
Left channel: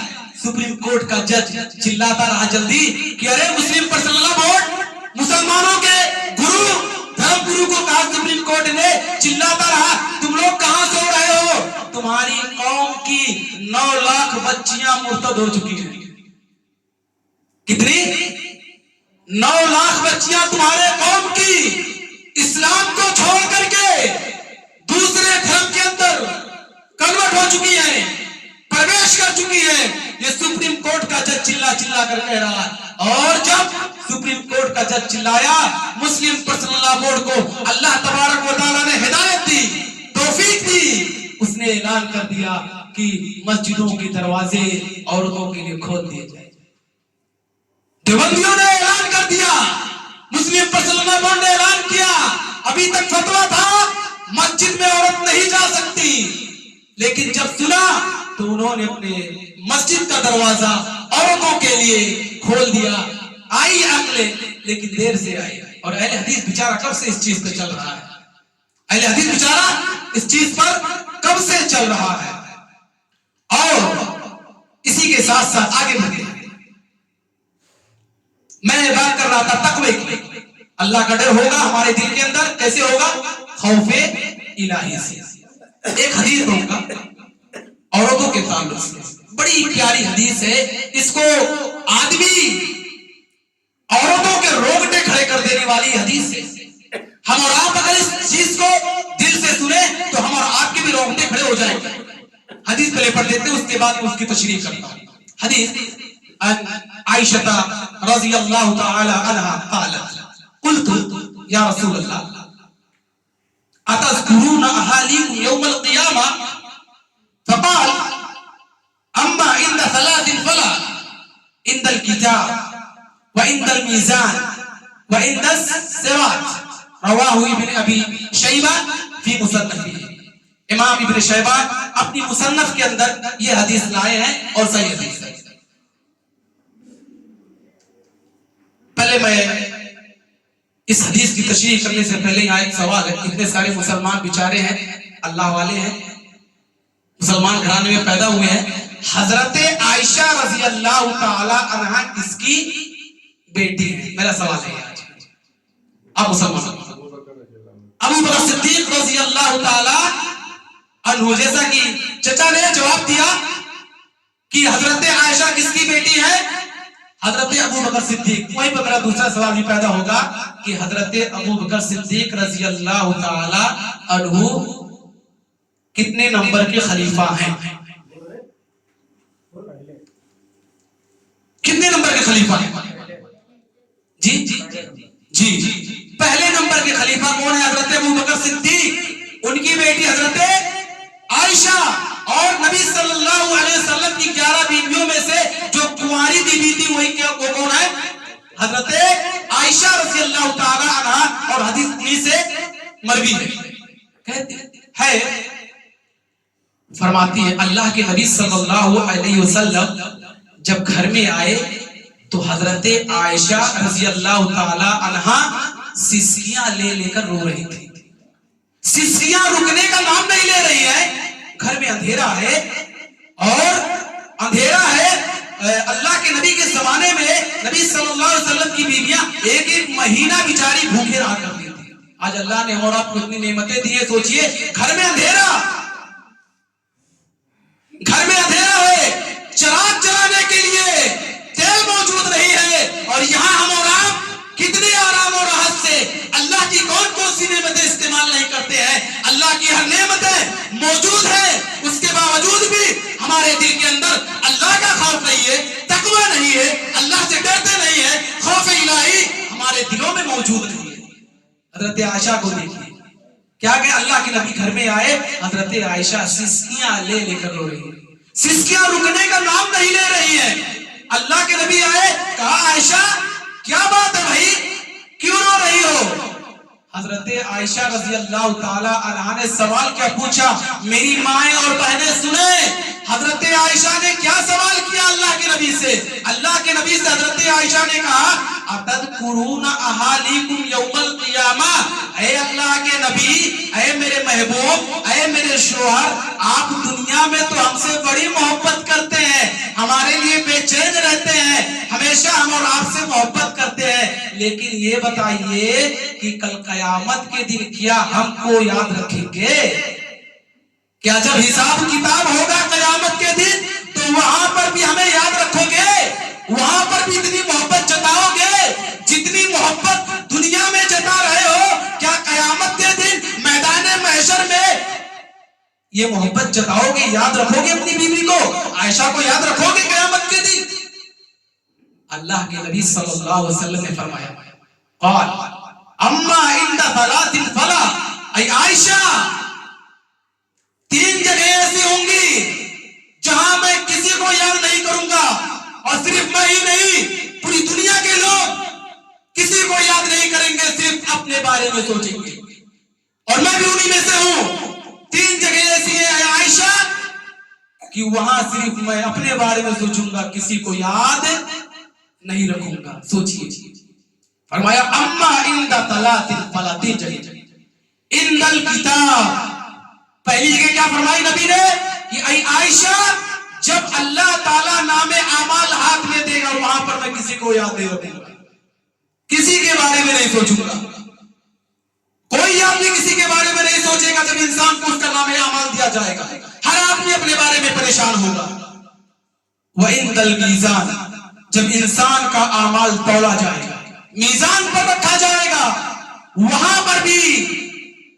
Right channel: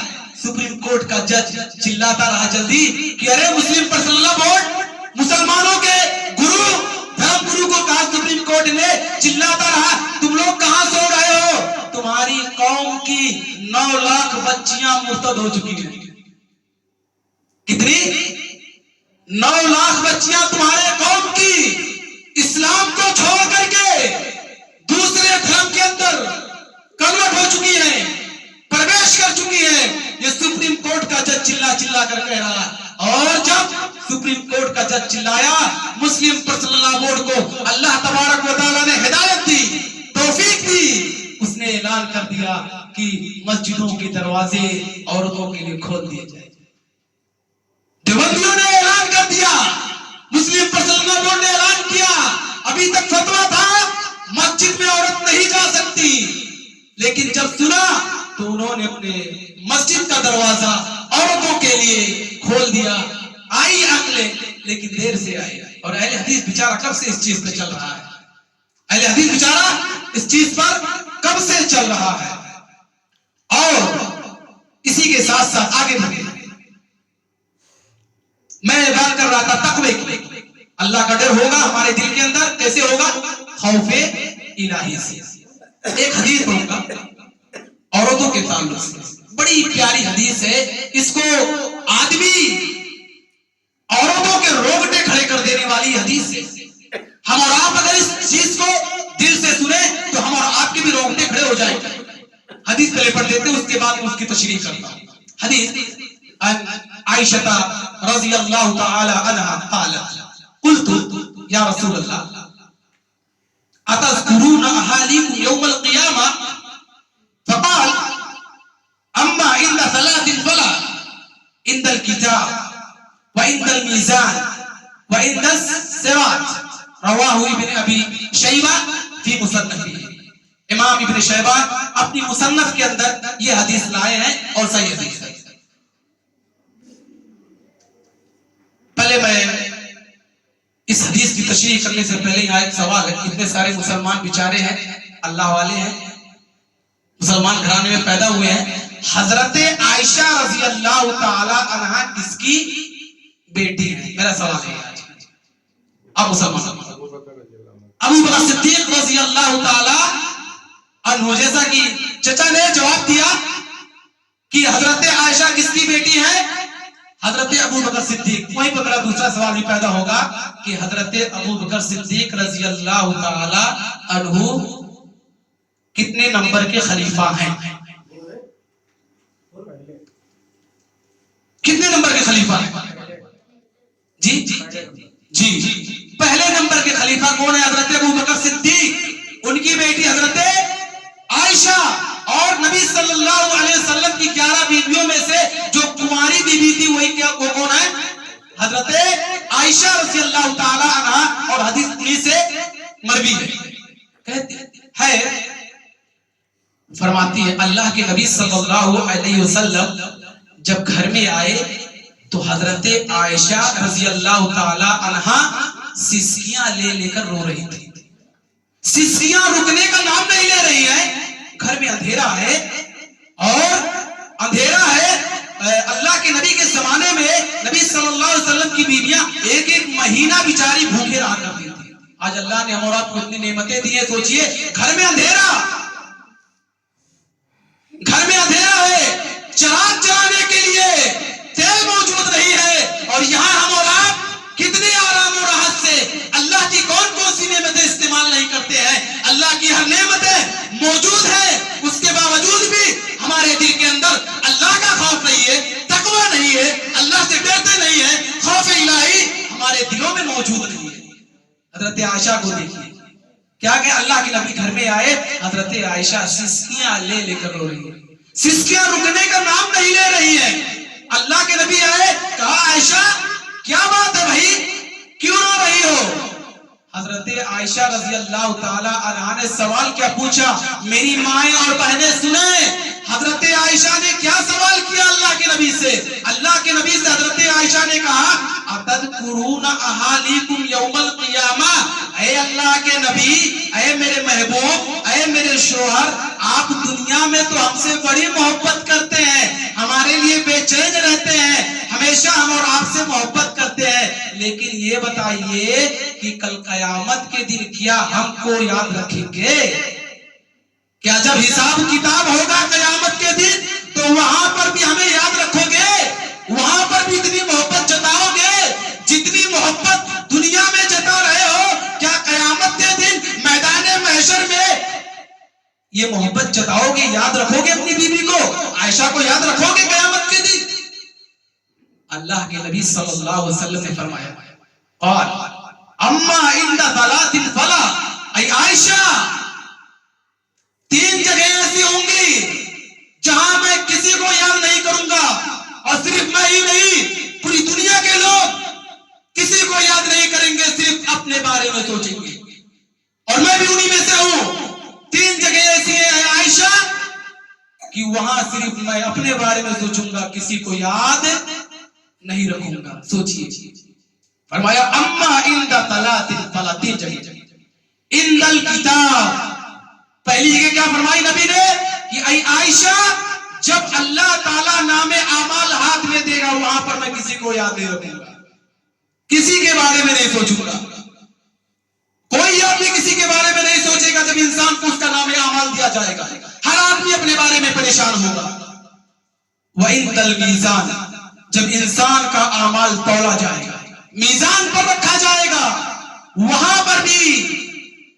سپریم کورٹ کا جج چلاتا رہا جلدی کہ ارے مسلم پرسنل بورڈ، مسلمانوں کے گرو، دھرم گرو کو کہا سپریم کورٹ نے، چلاتا رہا تم لوگ کہاں سو رہے ہو؟ تمہاری قوم کی 9 لاکھ بچیاں مرتد ہو چکی ہیں. کتنی؟ 9 لاکھ بچیاں تمہارے قوم کی اسلام کو چھوڑ کر کے دوسرے دھرم کے اندر کنورٹ ہو چکی ہیں، پرویش کر چکی ہیں. یہ سپریم کورٹ کا جج چلا کر کہہ رہا ہے. اور جب سپریم کورٹ کا جج چلایا، مسلم پرسنل لا بورڈ کو اللہ تبارک و تعالیٰ نے ہدایت دی، توفیق دی. اس نے اعلان کر دیا کہ مسجدوں کے دروازے عورتوں کے لیے کھول دیے جائیں. دیوبندیوں نے اعلان کر دیا، مسلم پرسنل لا بورڈ نے اعلان کیا. ابھی تک فتویٰ تھا مسجد میں عورت نہیں جا سکتی، لیکن جب سنا تو انہوں نے اپنے مسجد کا دروازہ عورتوں کے لیے کھول دیا. آئی عقلیں، لیکن دیر سے آئی. اور اہل حدیث بیچارہ کب سے اس چیز پہ چل رہا ہے؟ اہل حدیث بیچارہ اس چیز پر کب سے چل رہا ہے؟ اور اسی کے ساتھ ساتھ آگے بڑھے. میں بات کر رہا تھا تقوی کی. اللہ کا ڈر ہوگا ہمارے دل کے اندر. کیسے ہوگا؟ خوف الہی سے. ایک حدیث ہوگا عورتوں کے تعلق سے، بڑی پیاری حدیث ہے. اس کو آدمی عورتوں کے روگٹے کھڑے کر دینے والی حدیث ہے. ہم اور آپ اگر اس چیز کو دل سے سنیں تو ہم اور آپ کے بھی روگٹے کھڑے ہو جائیں گے. حدیث پہلے پڑھ لیتے ہیں، اس کے بعد اس کی تشریح کرتا ہوں. حدیث عائشہ رضی اللہ تعالی عنہا قالت قلت یا رسول اللہ اتذکرون احالیکم یوم القیامہ فقال اما عند 3 فلا عند الكتاب وعند الميزان وعند الصراط. رواہ ابن ابی شیبہ فی مصنفہ. امام ابن شیبہ اپنی مصنف کے اندر یہ حدیث لائے ہیں اور صحیح حدیث ہے. پہلے میں اس حدیث کی تشریح کرنے سے پہلے یہاں ایک سوال ہے. اتنے سارے مسلمان بیچارے ہیں، اللہ والے ہیں، مسلمان گھرانے میں پیدا ہوئے ہیں. حضرت عائشہ رضی اللہ تعالی عنہا کس کی بیٹی ہے؟ میرا سوال ہے آج. اب مسلمان ابو بکر صدیق رضی اللہ تعالی عنہ، جیسا کہ چچا نے جواب دیا کہ حضرت عائشہ کس کی بیٹی ہے؟ حضرت ابو بکر صدیق. وہیں پر میرا دوسرا سوال بھی پیدا ہوگا کہ حضرت ابو بکر صدیق رضی اللہ تعالی عنہ کتنے نمبر کے خلیفہ ہیں؟ کتنے نمبر کے خلیفہ ہیں؟ جی پہلے نمبر کے خلیفہ کون ہے؟ حضرت ابو بکر صدیق، ان کی بیٹی حضرت عائشہ، اور نبی صلی اللہ علیہ وسلم کی 11 بیویوں میں سے جو کنواری بیوی تھی وہی وہ کون ہے؟ حضرت عائشہ رضی اللہ تعالی عنہا، اور حدیث انہی سے مروی ہے، کہتے ہے فرماتی ہے اللہ کے نبی صلی اللہ علیہ وسلم جب گھر میں آئے تو حضرت عائشہ رضی اللہ تعالی عنہا سسکیاں لے لے کر رو رہی تھی. سسکیاں رکنے کا نام نہیں لے رہی ہیں. گھر میں اندھیرا ہے، اور اندھیرا ہے. اللہ کے نبی کے زمانے میں نبی صلی اللہ علیہ وسلم کی بیویاں ایک ایک مہینہ بیچاری بھوکے رہا کرتی تھی. آج اللہ نے ہم اور آپ کو اتنی نعمتیں دی ہیں. سوچئے گھر میں اندھیرا، گھر میں اندھیرا ہے، چراغ جلانے کے لیے تیل موجود نہیں ہے، اور یہاں ہم اور آپ کتنے آرام اور راحت سے اللہ کی کون کون سی نعمتیں استعمال نہیں کرتے ہیں. اللہ کی ہر نعمتیں موجود ہے، اس کے باوجود بھی ہمارے دل کے اندر اللہ کا خوف نہیں ہے، تقوی نہیں ہے، اللہ سے ڈرتے نہیں ہے، خوف الہی ہمارے دلوں میں موجود نہیں ہے. حضرت عائشہ کو دیکھیے کیا کہ اللہ کے نبی گھر میں آئے، حضرت عائشہ سسکیاں لے لے کر رو رہی ہے. سسکیاں رکنے کا نام نہیں لے رہی ہیں. اللہ کے نبی آئے، کہا عائشہ کیا بات ہے بھائی، کیوں رو رہی ہو؟ حضرت عائشہ رضی اللہ تعالی عنہا نے سوال کیا پوچھا؟ میری مائیں اور بہنیں سنیں. حضرت عائشہ نے کیا سوال کیا اللہ کے نبی سے؟ اللہ کے نبی سے حضرت عائشہ نے کہا اتذکرون اہالیکم یوم القیامہ. اے اللہ کے نبی، اے میرے محبوب، اے میرے شوہر، آپ دنیا میں تو ہم سے بڑی محبت کرتے ہیں، ہمارے لیے بے چین رہتے ہیں، ہمیشہ ہم اور آپ سے محبت کرتے ہیں، لیکن یہ بتائیے کہ کل قیامت کے دن کیا ہم کو یاد رکھیں گے؟ کیا جب حساب کتاب ہوگا قیامت کے دن تو وہاں پر بھی ہمیں یاد رکھو گے؟ وہاں پر بھی اتنی محبت جتاؤ گے جتنی محبت دنیا میں جتا رہے ہو؟ کیا قیامت کے دن میدان محشر میں یہ محبت جتاؤ گے، یاد رکھو گے اپنی بیوی کو، عائشہ کو یاد رکھو گے قیامت کے دن؟ اللہ کے نبی صلی اللہ علیہ وسلم نے فرمایا قال اما عند ثلاث فلا، اے عائشہ 3 جگہ ایسی ہوں گی جہاں میں کسی کو یاد نہیں کروں گا، اور صرف میں ہی نہیں پوری دنیا کے لوگ کسی کو یاد نہیں کریں گے، صرف اپنے بارے میں سوچیں گے، اور میں بھی انہی میں سے ہوں. 3 جگہ ایسی ہیں عائشہ کہ وہاں صرف میں اپنے بارے میں سوچوں گا، کسی کو یاد نہیں رکھوں گا. سوچئے فرمایا اما عند ثلاث فلا، 3 جگہ. عند الکتاب، پہلی جگہ کیا فرمائی نبی نے کہ اے عائشہ جب اللہ تعالیٰ نام اعمال ہاتھ میں دے گا وہاں پر میں کسی کو یاد نہیں رکھوں گا، کسی کے بارے میں نہیں سوچوں گا. کوئی آدمی کسی کے بارے میں نہیں سوچے گا جب انسان کو اس کا نام اعمال دیا جائے گا. ہر آدمی اپنے بارے میں پریشان ہوگا. وَعِنْدَ الْمِيزَانِ، جب انسان کا اعمال تولا جائے گا، میزان پر رکھا جائے گا، وہاں پر بھی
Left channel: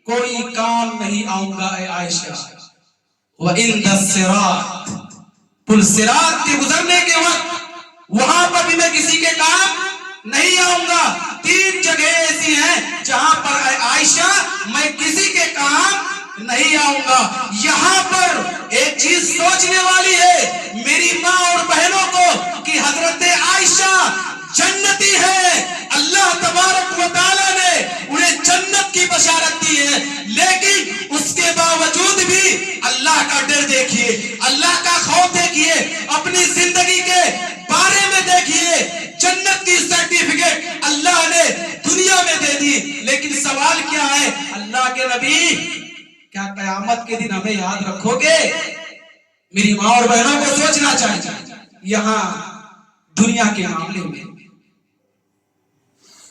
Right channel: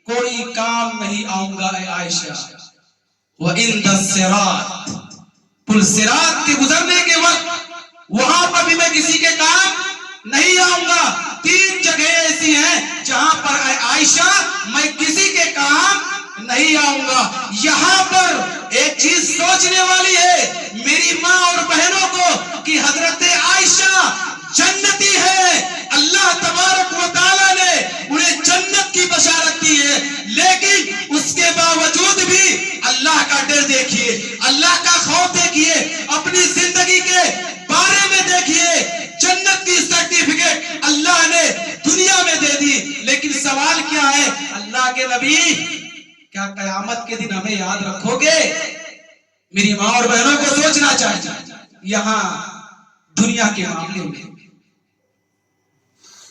کوئی کام نہیں آؤں گا اے عائشہ. وَعِنْدَ الصِّرَاطِ، پل صراط کے گزرنے کے وقت وہاں پر بھی میں کسی کے کام نہیں آؤں گا. 3 جگہ ایسی ہیں جہاں پر اے عائشہ میں کسی کے کام نہیں آؤں گا. یہاں پر ایک چیز سوچنے والی ہے میری ماں اور بہنوں کو کہ حضرت عائشہ جنتی ہے. اللہ تبارک و تعالیٰ نے انہیں جنت کی بشارت دی ہے، لیکن اس کے باوجود بھی اللہ کا ڈر دیکھیے، اللہ کا خوف دیکھیے، اپنی زندگی کے بارے میں دیکھیے. جنت کی سرٹیفکیٹ اللہ نے دنیا میں دے دی، لیکن سوال کیا ہے اللہ کے نبی، کیا قیامت کے دن ہمیں یاد رکھو گے؟ میری ماں اور بہنوں کو سوچنا چاہیے. یہاں دنیا کے معاملے میں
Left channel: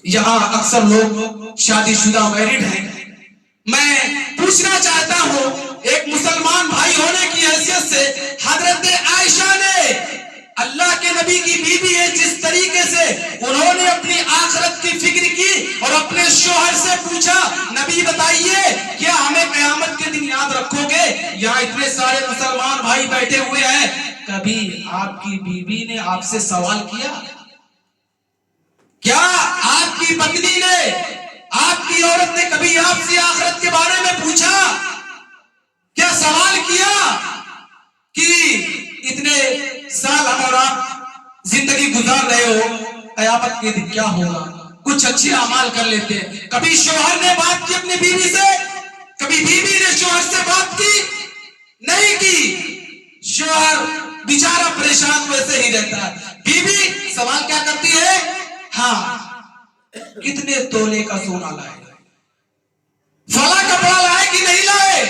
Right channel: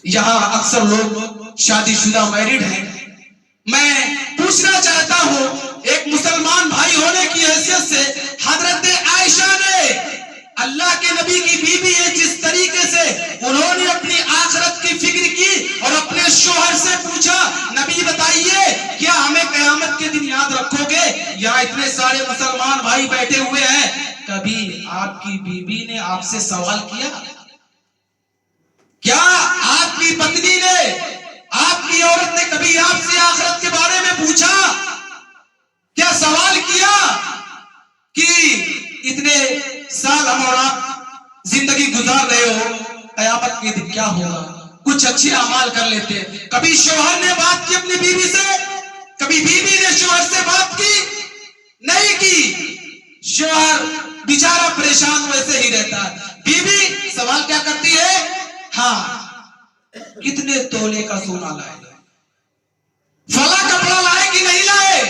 یہاں اکثر لوگ شادی شدہ میرڈ ہیں. میں پوچھنا چاہتا ہوں ایک مسلمان بھائی ہونے کی حیثیت سے، حضرت عائشہ نے اللہ کے نبی کی بیوی ہے، جس طریقے سے انہوں نے اپنی آخرت کی فکر کی اور اپنے شوہر سے پوچھا نبی بتائیے کیا ہمیں قیامت کے دن یاد رکھو گے؟ یہاں اتنے سارے مسلمان بھائی بیٹھے ہوئے ہیں، کبھی آپ کی بیوی نے آپ سے سوال کیا کیا آپ کی پتنی نے، آپ کی عورت نے کبھی آپ سے آخرت کے بارے میں پوچھا؟ کیا سوال کیا کہ اتنے سال ہم اور آپ زندگی گزار رہے ہو، قیامت کے دن کیا ہوگا؟ کچھ اچھے اعمال کر لیتے ہیں۔ کبھی شوہر نے بات کی اپنی بیوی سے؟ کبھی بیوی نے شوہر سے بات کی؟ نہیں کی۔ شوہر بیچارہ پریشان ویسے ہی رہتا ہے، بیوی سوال کیا کرتی ہے؟ ہاں، کتنے تولے کا سونا لائے، فلاں کپڑا لائے کہ نہیں لائے،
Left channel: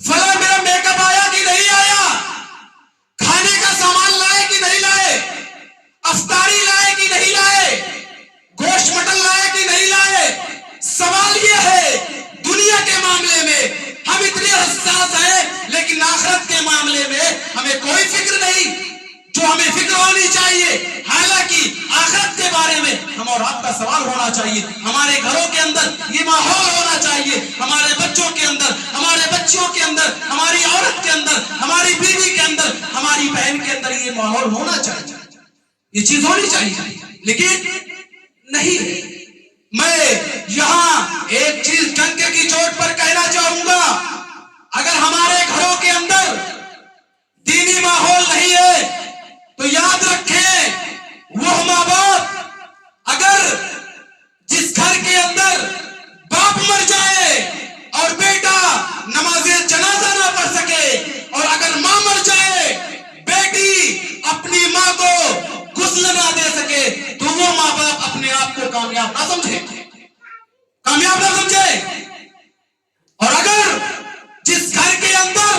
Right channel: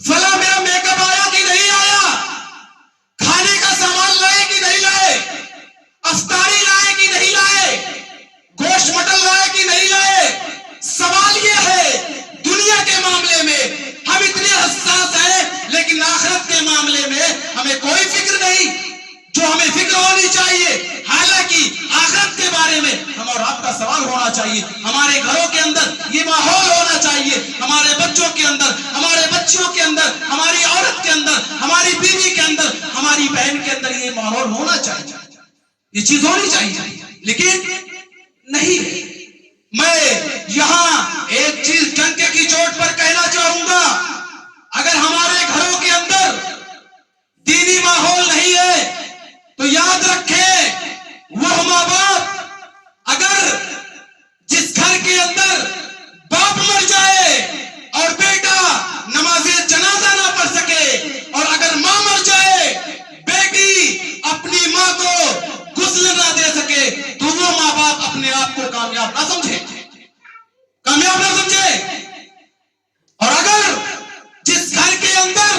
فلاں میرا میک اپ آیا کہ نہیں آیا، کھانے کا سامان لائے کہ نہیں لائے، افطاری لائے کہ نہیں لائے، گوشت مٹن لائے کہ نہیں لائے۔ سوال یہ ہے، دنیا کے معاملے میں ہم اتنے حساس ہیں، لیکن آخرت کے معاملے میں ہمیں کوئی فکر نہیں جو ہمیں فکر ہونی چاہیے۔ حالانکہ آخرت کے بارے میں ہم اور آپ کا سوال ہونا چاہیے، ہمارے گھروں کے اندر یہ ماحول ہونا چاہیے، ہمارے بچوں کے اندر، ہمارے بچیوں کے اندر، ہماری عورت کے اندر، ہماری بیوی کے اندر، ہماری بہن کے اندر یہ ماحول ہونا چاہیے، یہ چیز ہونی چاہیے، لیکن نہیں ہے۔ میں یہاں ایک چیز ڈنکے کی چوٹ پر کہنا چاہوں گا، اگر ہمارے گھروں کے اندر دینی ماحول نہیں ہے تو یاد رکھیں، وہ ماں باپ اگر جس گھر کے اندر باپ مر جائے اور بیٹا نماز جنازہ نہ پڑھ سکے، اور اگر ماں مر جائے بیٹی اپنی ماں کو غسل نہ دے سکے، تو وہ ماں باپ اپنے آپ کو کامیاب نہ سمجھے، کامیاب نہ سمجھے۔ اور اگر جس گھر کے اندر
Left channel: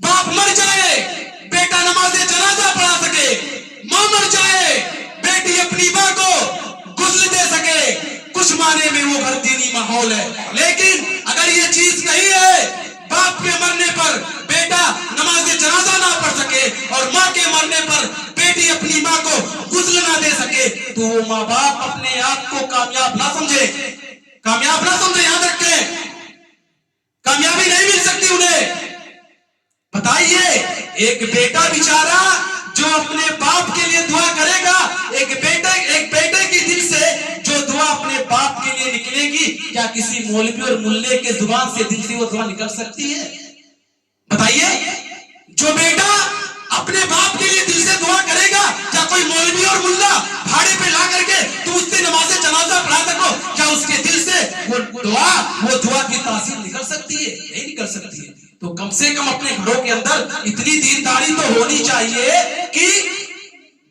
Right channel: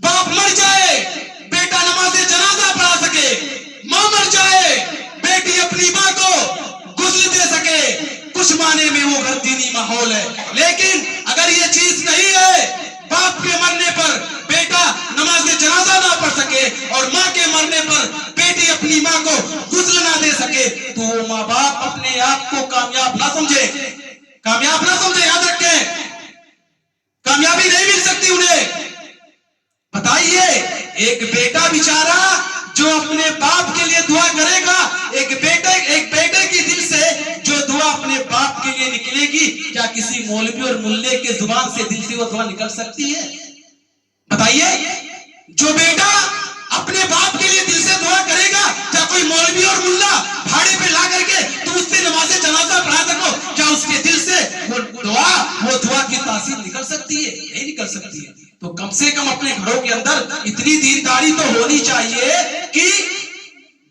باپ مر جائے بیٹا نماز جنازہ پڑھا سکے، ماں مر جائے بیٹی اپنی ماں کو غسل دے سکے، کچھ معنی میں وہ گھر دینی ماحول ہے۔ لیکن اگر یہ چیز نہیں ہے، باپ کے مرنے پر بیٹا نماز جنازہ نہ پڑھ سکے اور ماں کے مرنے پر بیٹی اپنی ماں کو غسل نہ دے سکے، تو وہ ماں باپ اپنے آپ کو کامیاب نہ سمجھے، کامیاب نہ سمجھے، یاد رکھیں، کامیابی نہیں مل سکتی انہیں۔ بتائیے، ایک بیٹا بیچارہ جو اپنے باپ کے لیے دعا کرے گا، ایک بیٹے کی دل سے جو دعا اپنے باپ کے لیے نکلے گی، کیا کسی مولوی اور ملے کے زبان سے دل سے وہ دعا نکل سکتی ہے؟ بتائیے، جو بیٹا اپنے باپ کے لیے دل سے دعا کرے گا، کیا کوئی مولوی اور ملا بھاڑے پہ لا کر کے تم اس سے نماز جنازہ پڑھا سکو، کیا اس کے دل سے وہ دعا کی تاثیر نکل سکتی ہے؟ نہیں نکل سکتی ہے۔ تو کم سے کم اپنے گھروں کے اندر اتنی دینداری تو ہونی چاہیے کہ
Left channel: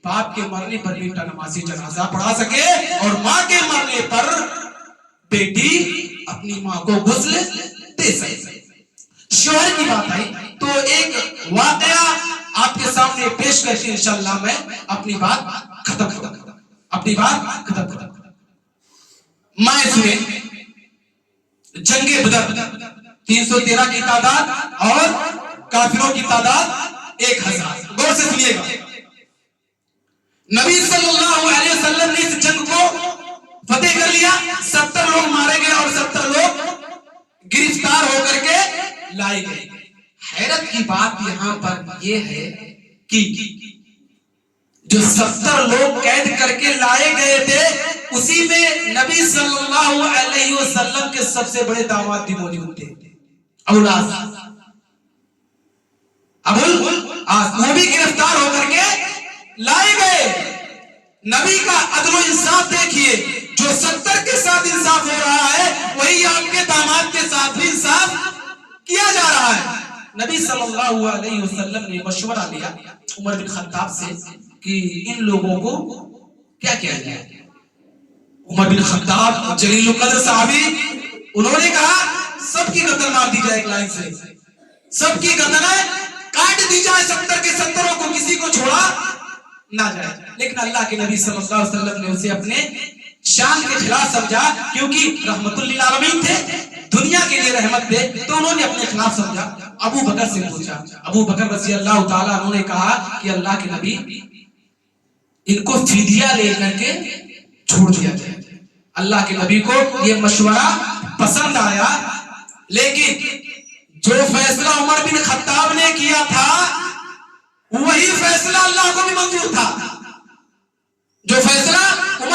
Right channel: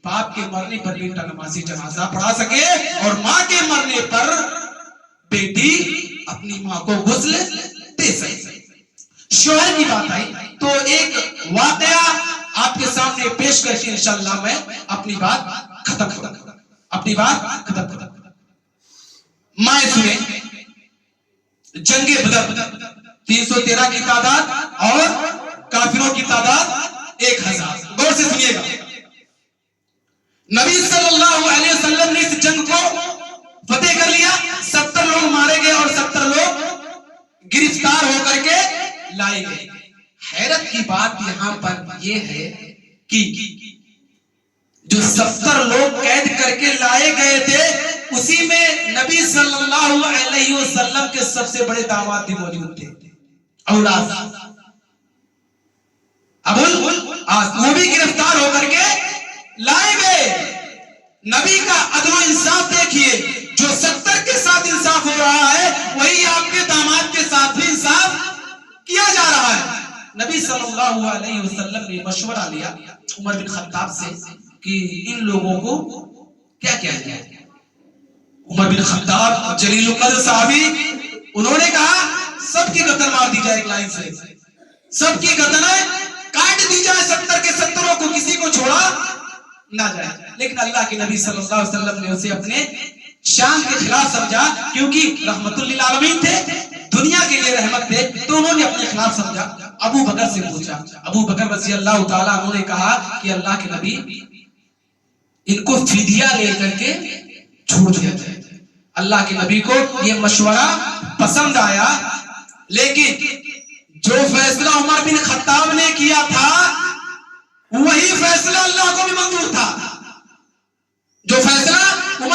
باپ کے مرنے پر بیٹا نماز جنازہ پڑھا سکے، اور ماں کے مرنے پر بیٹی اپنی ماں کو غسل دے سکے۔ شوہر کی بات آئی تو ایک واقعہ آپ کے سامنے پیش کر کے انشاءاللہ میں اپنی بات ختم کروں۔ میں سنیں، جنگ بدر 313 کی تعداد اور کافروں کی تعداد 1000۔ غور سے سنیے گا، نبی صلی اللہ علیہ وسلم نے اس جنگ کو فتح کر لیا، 70 لوگ مارے گئے اور 70 لوگ گرفتار ہو کر کے لائے گئے۔ حیرت کی بات یہاں پر یہ ہے کہ جو 70 لوگ قید کر کے لائے گئے تھے، اسی میں نبی صلی اللہ علیہ وسلم کے سب سے بڑے داماد بھی موجود تھے، ابوالعاص، وہ بھی گرفتار ہو کر کے لائے گئے۔ نبی کا عدل و انصاف دیکھیے، جو 70 کے ساتھ انصاف ہو رہا ہے، وہی آپ کے داماد کے ساتھ بھی انصاف کیا جا رہا ہے۔ نبی صلی اللہ علیہ وسلم نے مشورہ لیا عمر بن خطاب سے کہ ان لوگوں کو کیا کیا جائے۔ عمر بن خطاب جلیل القدر صحابی، انہوں نے کہا سب کی گردن مار دی جائے، ایک لائن سے سب کی گردنیں کاٹ دی جائے، 70 کے 70 کو کسی کو چھوڑا نہ جائے۔ لیکن اللہ کے نبی صلی اللہ علیہ وسلم نے اسے اپنے شان کے خلاف سمجھا، کیونکہ رحمت للعالمین تھے، دنیا کے لیے رحمت تھے، تو انہوں نے اپنے خلاف سمجھا۔ ابو بکر سے پوچھا، ابو بکر رضی اللہ تعالیٰ عنہ نے کہا کہ اللہ کے نبی، ان کو فدیہ لے کر کے چھوڑ دیا جائے۔ اللہ کے نبی کو یہ مشورہ پسند آیا، لیکن جو فیصلہ عمر بن خطاب نے کیا تھا وہی فیصلہ اللہ کو بھی منظور تھا۔ جو فیصلہ عمر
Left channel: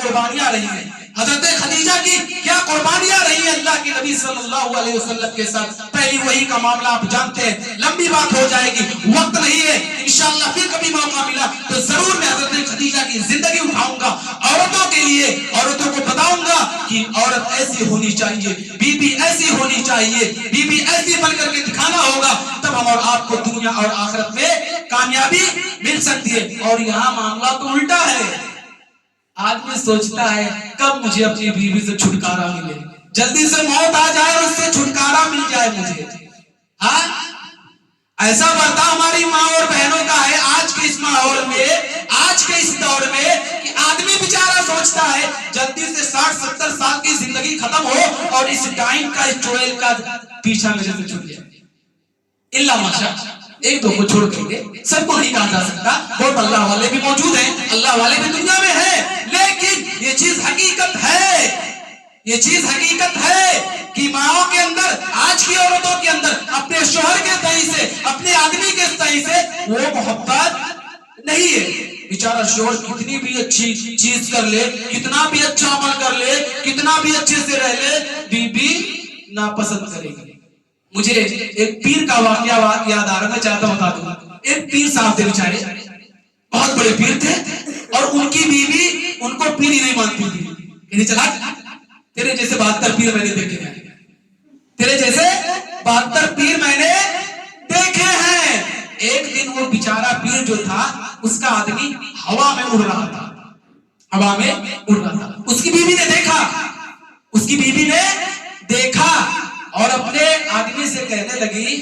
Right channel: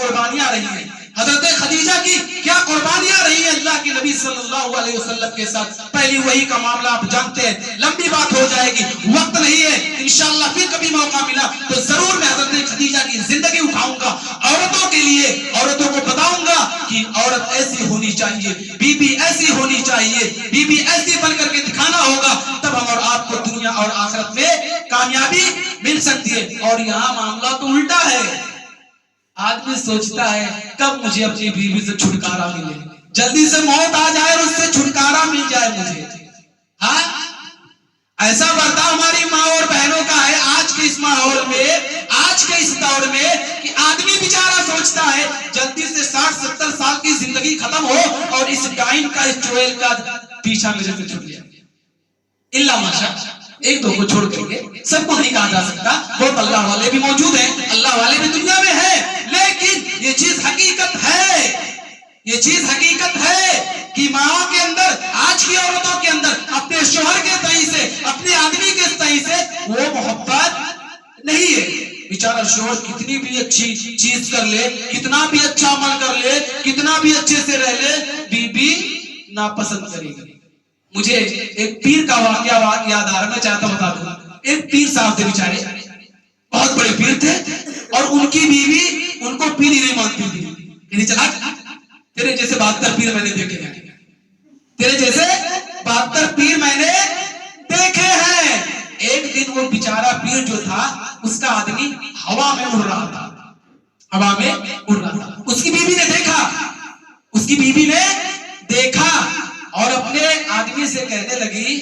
قربانیاں رہی ہیں, حضرت خدیجہ کی کیا قربانیاں رہی ہیں اللہ کے نبی صلی اللہ علیہ وسلم کے ساتھ. پہلی وہی کا معاملہ آپ جانتے ہیں, لمبی بات ہو جائے گی, وقت نہیں ہے, انشاءاللہ پھر کبھی موقع ملا تو ضرور میں حضرت خدیجہ کی زندگی اٹھاؤں گا, عورتوں کے لیے عورتوں کو بتاؤں گا کہ عورت ایسی ہونی چاہیے, بی بی ایسی ہونی چاہیے, بی بی ایسی بن کر کے دکھانا ہوگا, تب ہم اور آپ کو دنیا اور آخرت میں کامیابی مل سکتی ہے. اور یہاں معاملہ تو الٹا ہے, آدمی سوچتا ہے کب مجھے اپنی بیوی سے چھٹکارا ملے, جلدی سے موت آ جائے اور اس سے چھٹکارا مل جائے مجھے. ہاں ایسا برتاؤ ہماری ماں اور بہنوں کا ہے آج کے اس ماحول میں, آج کے اس دور میں, کہ آدمی بیچارہ سوچتا ہے جلدی سے 60-70 سال کی زندگی ختم ہو اور اس ڈائن کا, اس چڑیل کا پیچھا میرے سے چھوٹ جائے. اللہ ماشاء, ایک دو کو چھوڑ کر کے سب کو نہیں کہا جا سکتا, بہت اللہ والے بھی موجود ہیں, اللہ والے بھی دنیا میں ہیں, لیکن یہ چیز حقیقت ہے, یہ چیز حقیقت ہے کہ ماؤں کے اندر, آج کی عورتوں کے اندر اپنے شوہر کے تئیں سے, اپنے آدمی کے تئیں سے وہ محبت نہیں ہے. بیچارہ شوہر کتنی بھی اچھی چیز کر لے, کتنا بھی اچھا عمل کر لے, کتنا بھی اچھے سے رہ لے, بی ناپسند کرے گی. مجھے ایک پیر کا واقعہ یاد آ رہا, میں چاہتا بتا دوں. ایک پیر صاحب تھے بیچارے, بہت بڑے پیر تھے, اور ان کی بیوی ان کو پیر ہی نہیں مانتی تھی. یعنی چلا تیرے جیسے 72 پیر میں نے دیکھے ہیں, تیرے جیسے 72 پیر میں نے دیکھے ہیں. ایک دن وہ بیچارہ پیر جو تھا, اس کا آدمی ہوا میں اڑ رہا تھا, ہوا میں اڑ رہا تھا. اس کی بیوی نے دیکھا, اس کی بیوی نے دیکھا اور اپنے آدمی سے کہنے لگی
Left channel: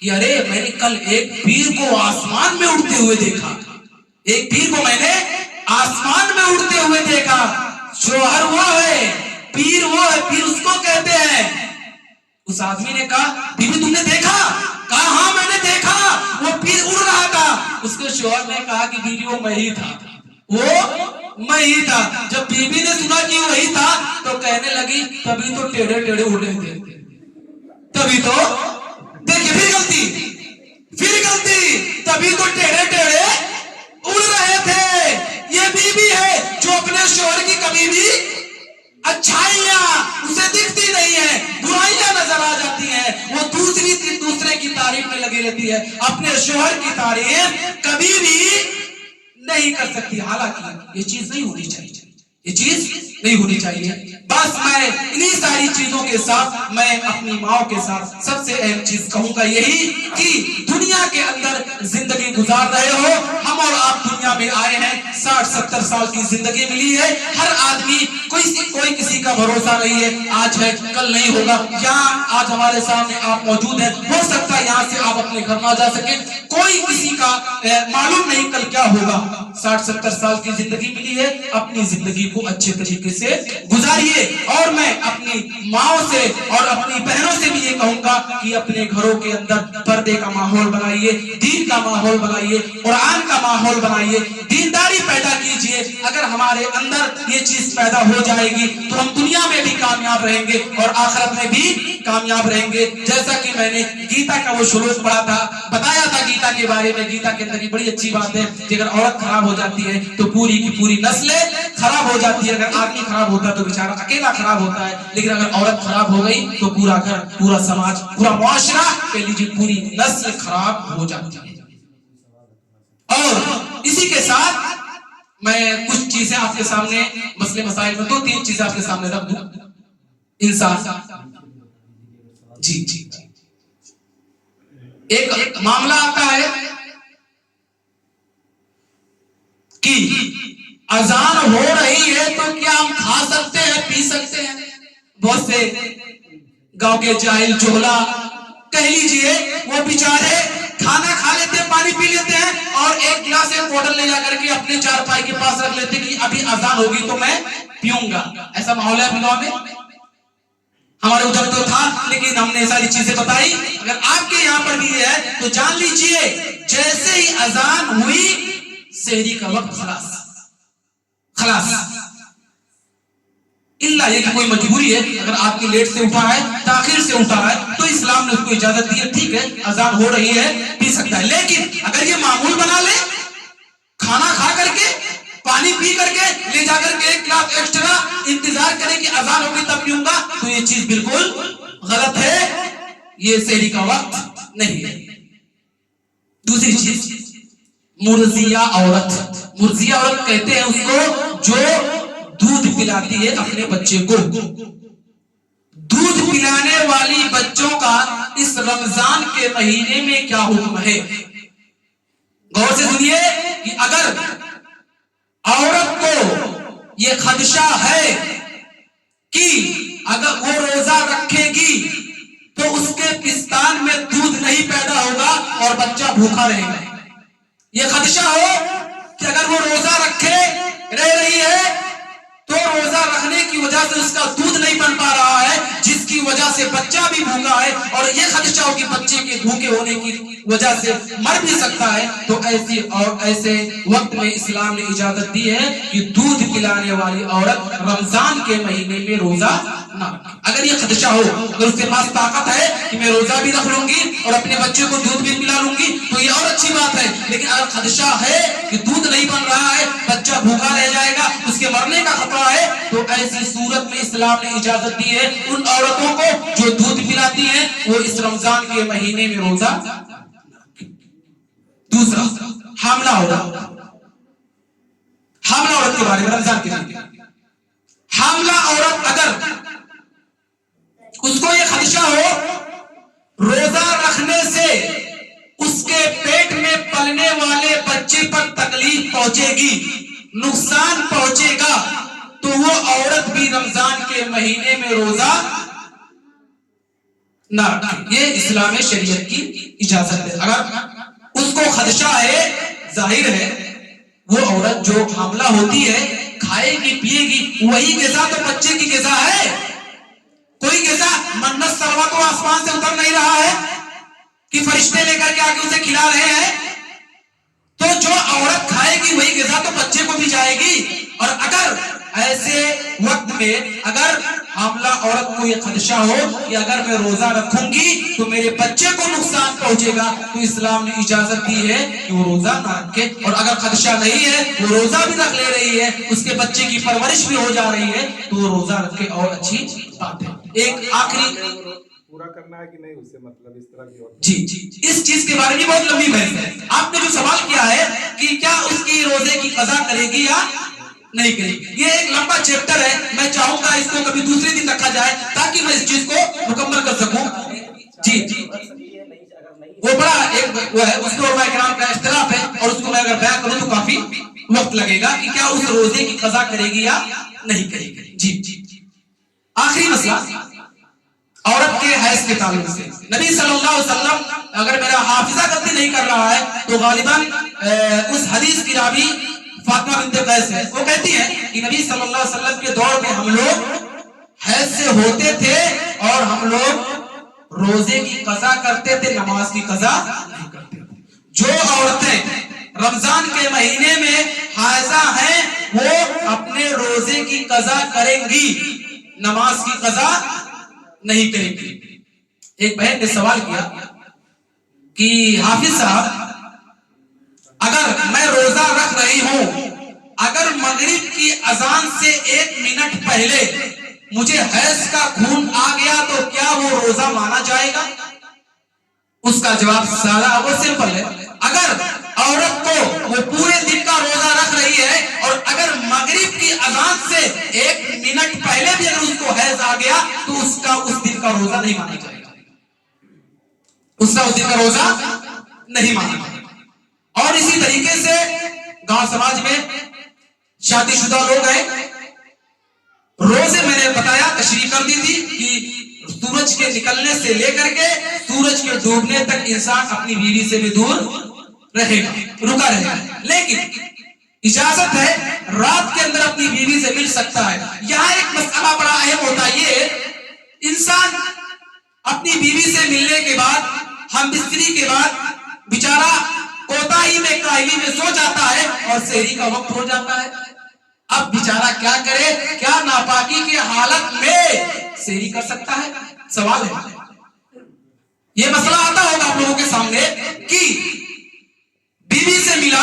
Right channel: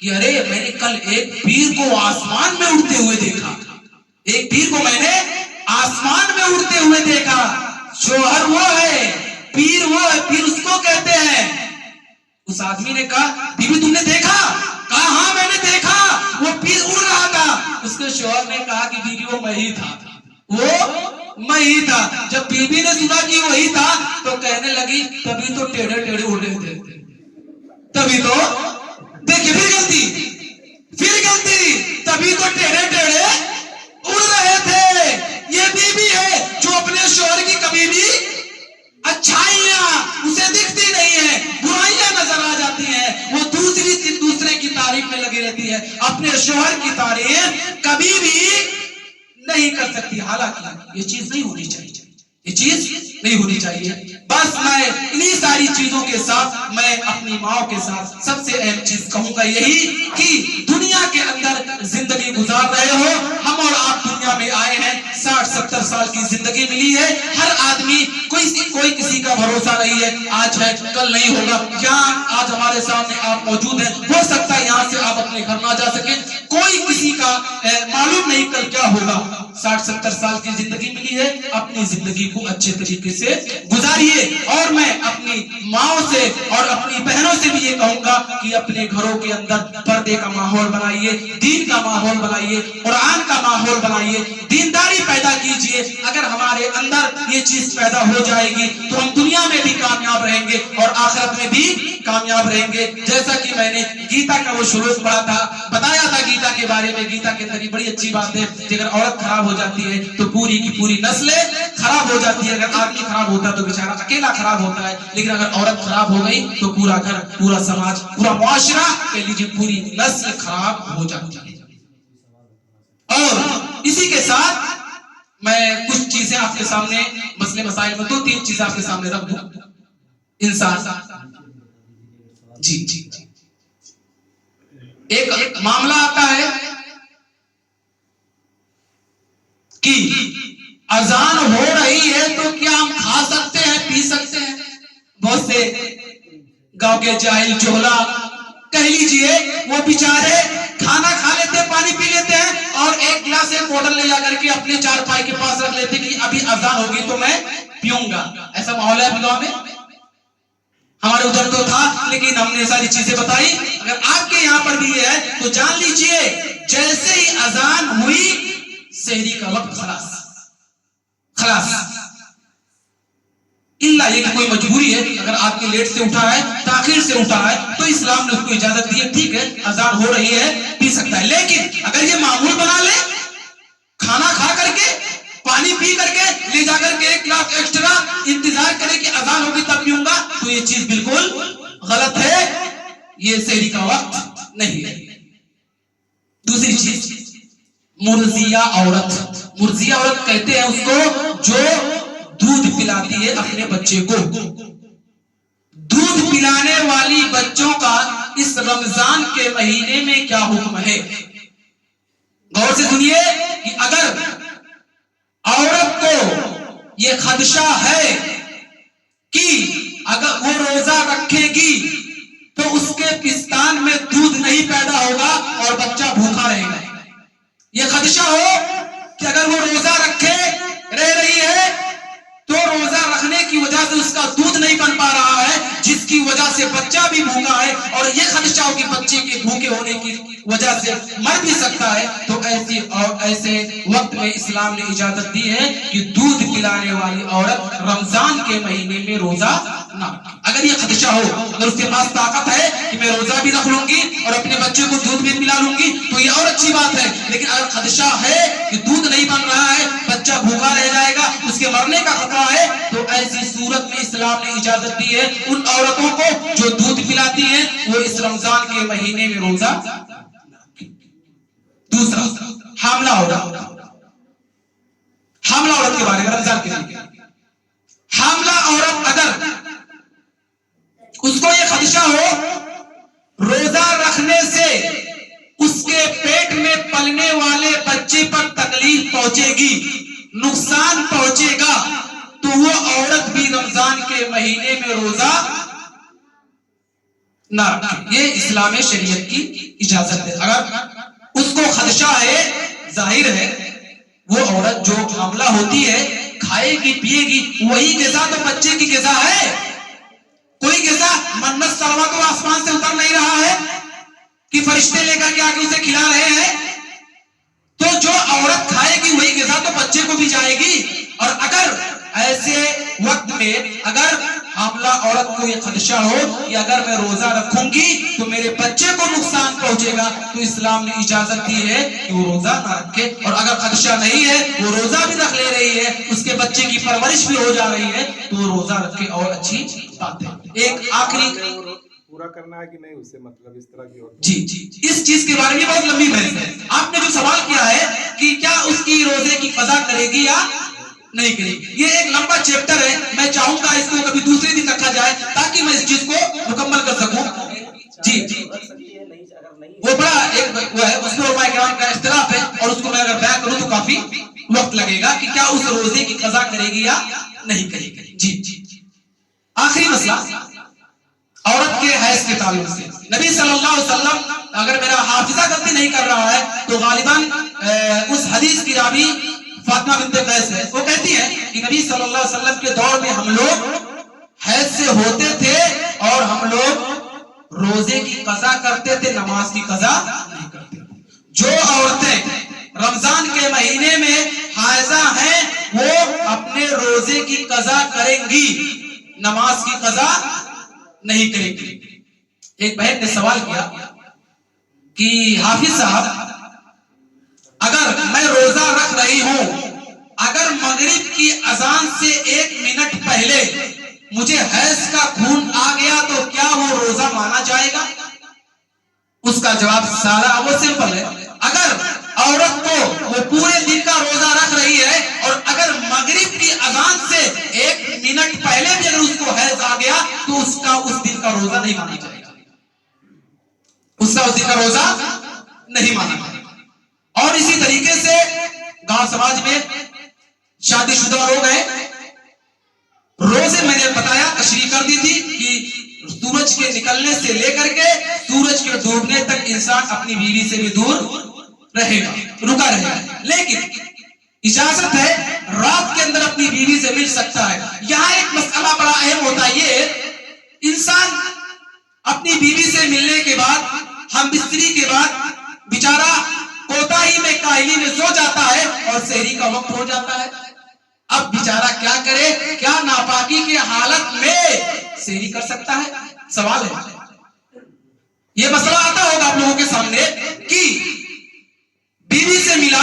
کہ ارے میں نے کل ایک پیر کو آسمان میں اڑتے ہوئے دیکھا, ایک پیر کو میں نے آسمان میں اڑتے ہوئے دیکھا. شوہر وہ ہے, پیر وہ ہے, پیر اس کو کہتے ہیں. اس آدمی نے کہا بیوی تم نے دیکھا؟ کہا ہاں میں نے دیکھا, وہ پیر اڑ رہا تھا. اس کے شوہر نے کہا کہ بیوی وہ میں ہی تھا, وہ میں ہی تھا. جب بیوی نے سنا کہ وہی تھا تو کہنے لگی تبھی تو ٹیڑھے ٹیڑھے اڑ رہے تھے, تبھی تو دیکھیے پھر غلطی, تبھی تو ٹیڑھے ٹیڑھے اڑ رہے تھے. یہ بیوی ہے جو اپنے شوہر کی کبھی بھی اچھائیاں اسے دکھتی نہیں ہے, برائیاں نظر آ جاتی ہیں, وہ دوسرے کی تعریف میں لگی رہتی ہے, اپنے شوہر کی تعریف کبھی بھی نہیں کر سکتی. حالانکہ یہ چیز نہیں ہونی چاہیے, یہ چیز نہیں ہونی چاہیے. بس میں انہی ساری چیزوں کے ساتھ میں اپنی ماں کے ساتھ سب سے اہم چیز کہوں گا یہی کہ دنیا کے اندر زندگی گزار رہے ہو, ہم اور آپ دنیا میں آئے ہیں, 60-70 سال کی زندگی ملی ہے. ہر آدمی کوئی کسی کا بھروسہ نہیں ہے, آج ہے کل نہیں ہوگا. یہاں آج ہمارے سامنے آپ موجود ہیں, ہو سکتا ہے یہاں سے آپ اپنے گھر نہ جا سکیں, کوئی کسی کا معلوم نہیں کل کیا ہوگا. 60-70 سال کی زندگی ملی ہے, اپنی زندگی کو اچھے طریقے سے گزاریے. اور میں اپنی ماں سے اور اپنی بہنوں سے بھی یہ کہوں گا کہ اپنے گھروں کے اندر پردے کا ماحول بنائیے, دین کا ماحول بنائیے, قرآن کا ماحول بنائیے, دینداری پیدا کیجئے. اگر ہمارے اندر یہ چیز پیدا ہو جائے گی تو ہم دنیا میں بھی کامیاب رہیں گے اور آخرت میں بھی کامیاب رہیں گے. جیسا کہ میں نے گیتا کا وہ شلوک پڑھا تھا, بتایا تھا گیتا کے بارے میں. گیتا کے اندر بڑی اچھی بات ہے کہ اگر عورت خراب ہو جاتی ہے تو پوری کی پوری نسلیں خراب ہو جاتی ہے. اگر آدمی خراب ہوتا ہے تو بیچارہ اکیلا خراب ہوتا ہے, لیکن اگر عورت خراب ہو گئی تو پورا گھر, پورا سماج, پورا معاشرہ, کہہ لیجیے پوری نسل خراب ہو جاتی ہے. اور اسی کے ساتھ میں کچھ چیزیں آپ کے سامنے, مسئلے مسائل میں 2-3 چیزیں آپ کے سامنے رکھ دوں. انسان جی ایک معاملہ آتا ہے کہ اذان ہو رہی ہے تو کیا ہم کھا سکتے ہیں, پی سکتے ہیں؟ بہت سے گاؤں کے جاہل چولا کہہ لیجئے وہ بیچارے کھانا کھا لیتے ہیں, پانی پی لیتے ہیں, اور ایک گلاس ایک بوتل لے جا کر کے اپنے چارپائی کے پاس رکھ لیتے کہ ابھی اذان ہوگی تو میں پیوں گا. ایسا ماحول ہے اپنے گاؤں میں, ہمارے ادھر تو تھا, لیکن ہم نے ساری چیزیں بتائی. اگر آپ کے یہاں پر بھی یہ ہے تو جان لیجئے جیسے ہی اذان ہوئی سحری کا وقت خلاص. اللہ یہ کہ کوئی مجبوری ہے, اگر آپ کی لیٹ سے اٹھا ہے, تاخیر سے اٹھا ہے, تو اسلام نے اس کو اجازت دی ہے, ٹھیک ہے اذان ہو رہی ہے پی سکتا ہے. لیکن اگر یہ معمول بنا لے, کھانا کھا کر کے پانی پی کر کے لے جا کر کے 1 کلاس ایکسٹرا انتظار کرے کہ اذان ہوگی تب پیوں گا، تو یہ چیز بالکل غلط ہے، یہ سحری کا وقت نہیں ہے۔ دوسری چیز مرضیہ عورت، مرضیہ عورت کہتے ہیں اس کو جو دودھ پلاتی ہے اپنے بچے کو۔ دودھ پلانے والی بچوں کا اس رمضان کے مہینے میں کیا حکم ہے؟ غور سے سنیے کہ اگر عورت کو یہ خدشہ ہے کہ اگر وہ روزہ رکھے گی تو اس کے پستان میں دودھ نہیں پیدا ہوگا اور بچہ بھوکا رہے گا، یہ خدشہ ہو کہ اگر وہ روزہ رہ رہی ہے تو روزہ رکھنے کی وجہ سے اس کا دودھ نہیں بن پا رہا ہے، جس کی وجہ سے بچہ بھی بھوکا ہے، اور یہ خدشہ ہو کہ بچے کے بھوکے ہونے کی وجہ سے مر بھی سکتا ہے، تو ایسے وقت میں اسلام نے اجازت دی ہے کہ دودھ پلانے والی عورت رمضان کے مہینے میں روزہ نہ رکھے۔ اگر یہ خدشہ ہو، اگر اس کے پاس طاقت ہے کہ میں روزہ بھی رکھ لوں گی اور اپنے بچے کو دودھ بھی پلا لوں گی تو یہ اور اچھی بات ہے، لیکن اگر خدشہ ہے کہ دودھ نہیں بن رہا ہے، بچہ بھوکا رہ جائے گا، اس کے مرنے کا خطرہ ہے، تو ایسی صورت میں اسلام نے اجازت دی ہے ان عورتوں کو جو دودھ پلاتی ہیں وہ اس رمضان کے مہینے میں روزہ۔ دوسرا حاملہ عورت، حاملہ عورت کے بارے میں رمضان کے لیے، حاملہ عورت اگر اس کو یہ خدشہ ہو روزہ رکھنے سے اس کے پیٹ میں پلنے والے بچے پر تکلیف پہنچے گی، نقصان پہنچے گا، تو وہ عورت بھی رمضان کے مہینے میں روزہ نہ رکھے۔ یہ اسلام شریعت کی اجازت ہے۔ اگر اس کو خدشہ ہے، ظاہر ہے وہ عورت جو حاملہ ہوتی ہے کھائے گی پیے گی، وہی غذا تو بچے کی غذا ہے، کوئی غذا منت سلوا تو آسمان سے اتر نہیں رہا ہے کہ فرشتے لے کر کے آ کے اسے کھلا رہے ہیں، تو جو عورت کھائے گی وہی غذا تو بچے کو بھی جائے گی۔ اور اگر ایسے وقت میں اگر حاملہ عورت کو یہ خدشہ ہو کہ اگر میں روزہ رکھوں گی تو میرے بچے کو نقصان پہنچے گا، تو اسلام نے اجازت دی ہے کہ وہ روزہ نہ رکھے، اور اگر خدشہ نہیں ہے وہ روزہ بھی رکھ لے رہی ہے، اس کے بچے کی پرورش بھی ہو جا رہی ہے، تو وہ روزہ رکھے اور اچھی بات ہے۔ ایک آخری پورا کرنا ہے کہ نہیں، اس سے مطلب اس طرح کی اور جی اس چیز کے بارے میں بہت لمبی بحث ہے۔ آپ نے جو سوال کیا ہے کہ کیا اس کی روزے کی قضا کرے گی یا نہیں کرے گی، یہ ایک لمبا چیپٹر ہے، میں چاہوں گا اس کو کبھی دوسرے دن رکھا جائے تاکہ میں اس چیز کو مکمل کر سکوں۔ جی وہ بڑا ایک وہ ہے، اس میں علماء کرام کا اختلاف ہے، اور اس کو میں اگر بیان کروں تو کافی وقت لگے گا کہ کیا اس روزے کی قضا کرے گی یا نہیں کرے گی۔ جی آخری مسئلہ عورت کے حیض کے تعلق سے، نبی صلی اللہ علیہ وسلم، اگر میرا حافظہ غلطی نہیں کر رہا ہے تو غالباً اس حدیث کی راوی فاطمہ بنت قیس ہے، وہ کہتی ہے کہ نبی صلی اللہ علیہ وسلم کے دور میں ہم لوگ حیض سے ہوتے تھے اور ہم لوگ روزے کی قضا کرتے تھے، نماز کی قضا نہیں کرتے تھے۔ جو عورتیں رمضان کے مہینے میں حائضہ ہیں وہ اپنے روزے کی قضا کریں گی، نماز کی قضا نہیں کریں گی۔ ایک بہن نے سوال کیا کہ حافظ صاحب اگر میں روزہ رکھ رہی ہوں، اگر مغرب کی اذان سے 1 منٹ پہلے مجھے حیض کا خون آ گیا تو کیا وہ روزہ مانا جائے گا؟ اس کا جواب سادہ وہ سمپل ہے، اگر عورت کو وہ پورے دن کا روزہ رکھ رہی ہے اور اگر مغرب کی اذان سے 1 منٹ پہلے بھی اگر اس کو حیض آ گیا تو اس کا اس دن کا روزہ نہیں مانا جائے گا، اس کا اس دن کا روزہ نہیں مانا جائے گا۔ اور اسی طریقے سے گاؤں سماج میں شادی شدہ لوگ ہیں، روزے میں نے بتایا تشریح کر دی تھی کہ سورج کے نکلنے سے لے کر کے سورج کے ڈوبنے تک انسان اپنی بیوی سے بھی دور رہے گا، رکا رہے گا، لیکن اجازت ہے رات کے اندر اپنی بیوی سے مل سکتا ہے۔ یہاں ایک مسئلہ بڑا اہم ہوتا ہے، یہ انسان اپنی بیوی سے ملنے کے بعد ہم بستری کے بعد بیچارہ کوتاہی میں کاہلی میں سو جاتا ہے اور سحری کا وقت ہو جاتا ہے، اب بیچارہ کیا کرے؟ کیا ناپاکی کی حالت میں سحری کر سکتا ہے؟ سوال ہے، یہ مسئلہ آتا ہوگا آپ لوگوں کے سامنے کہ بیوی سے ملا،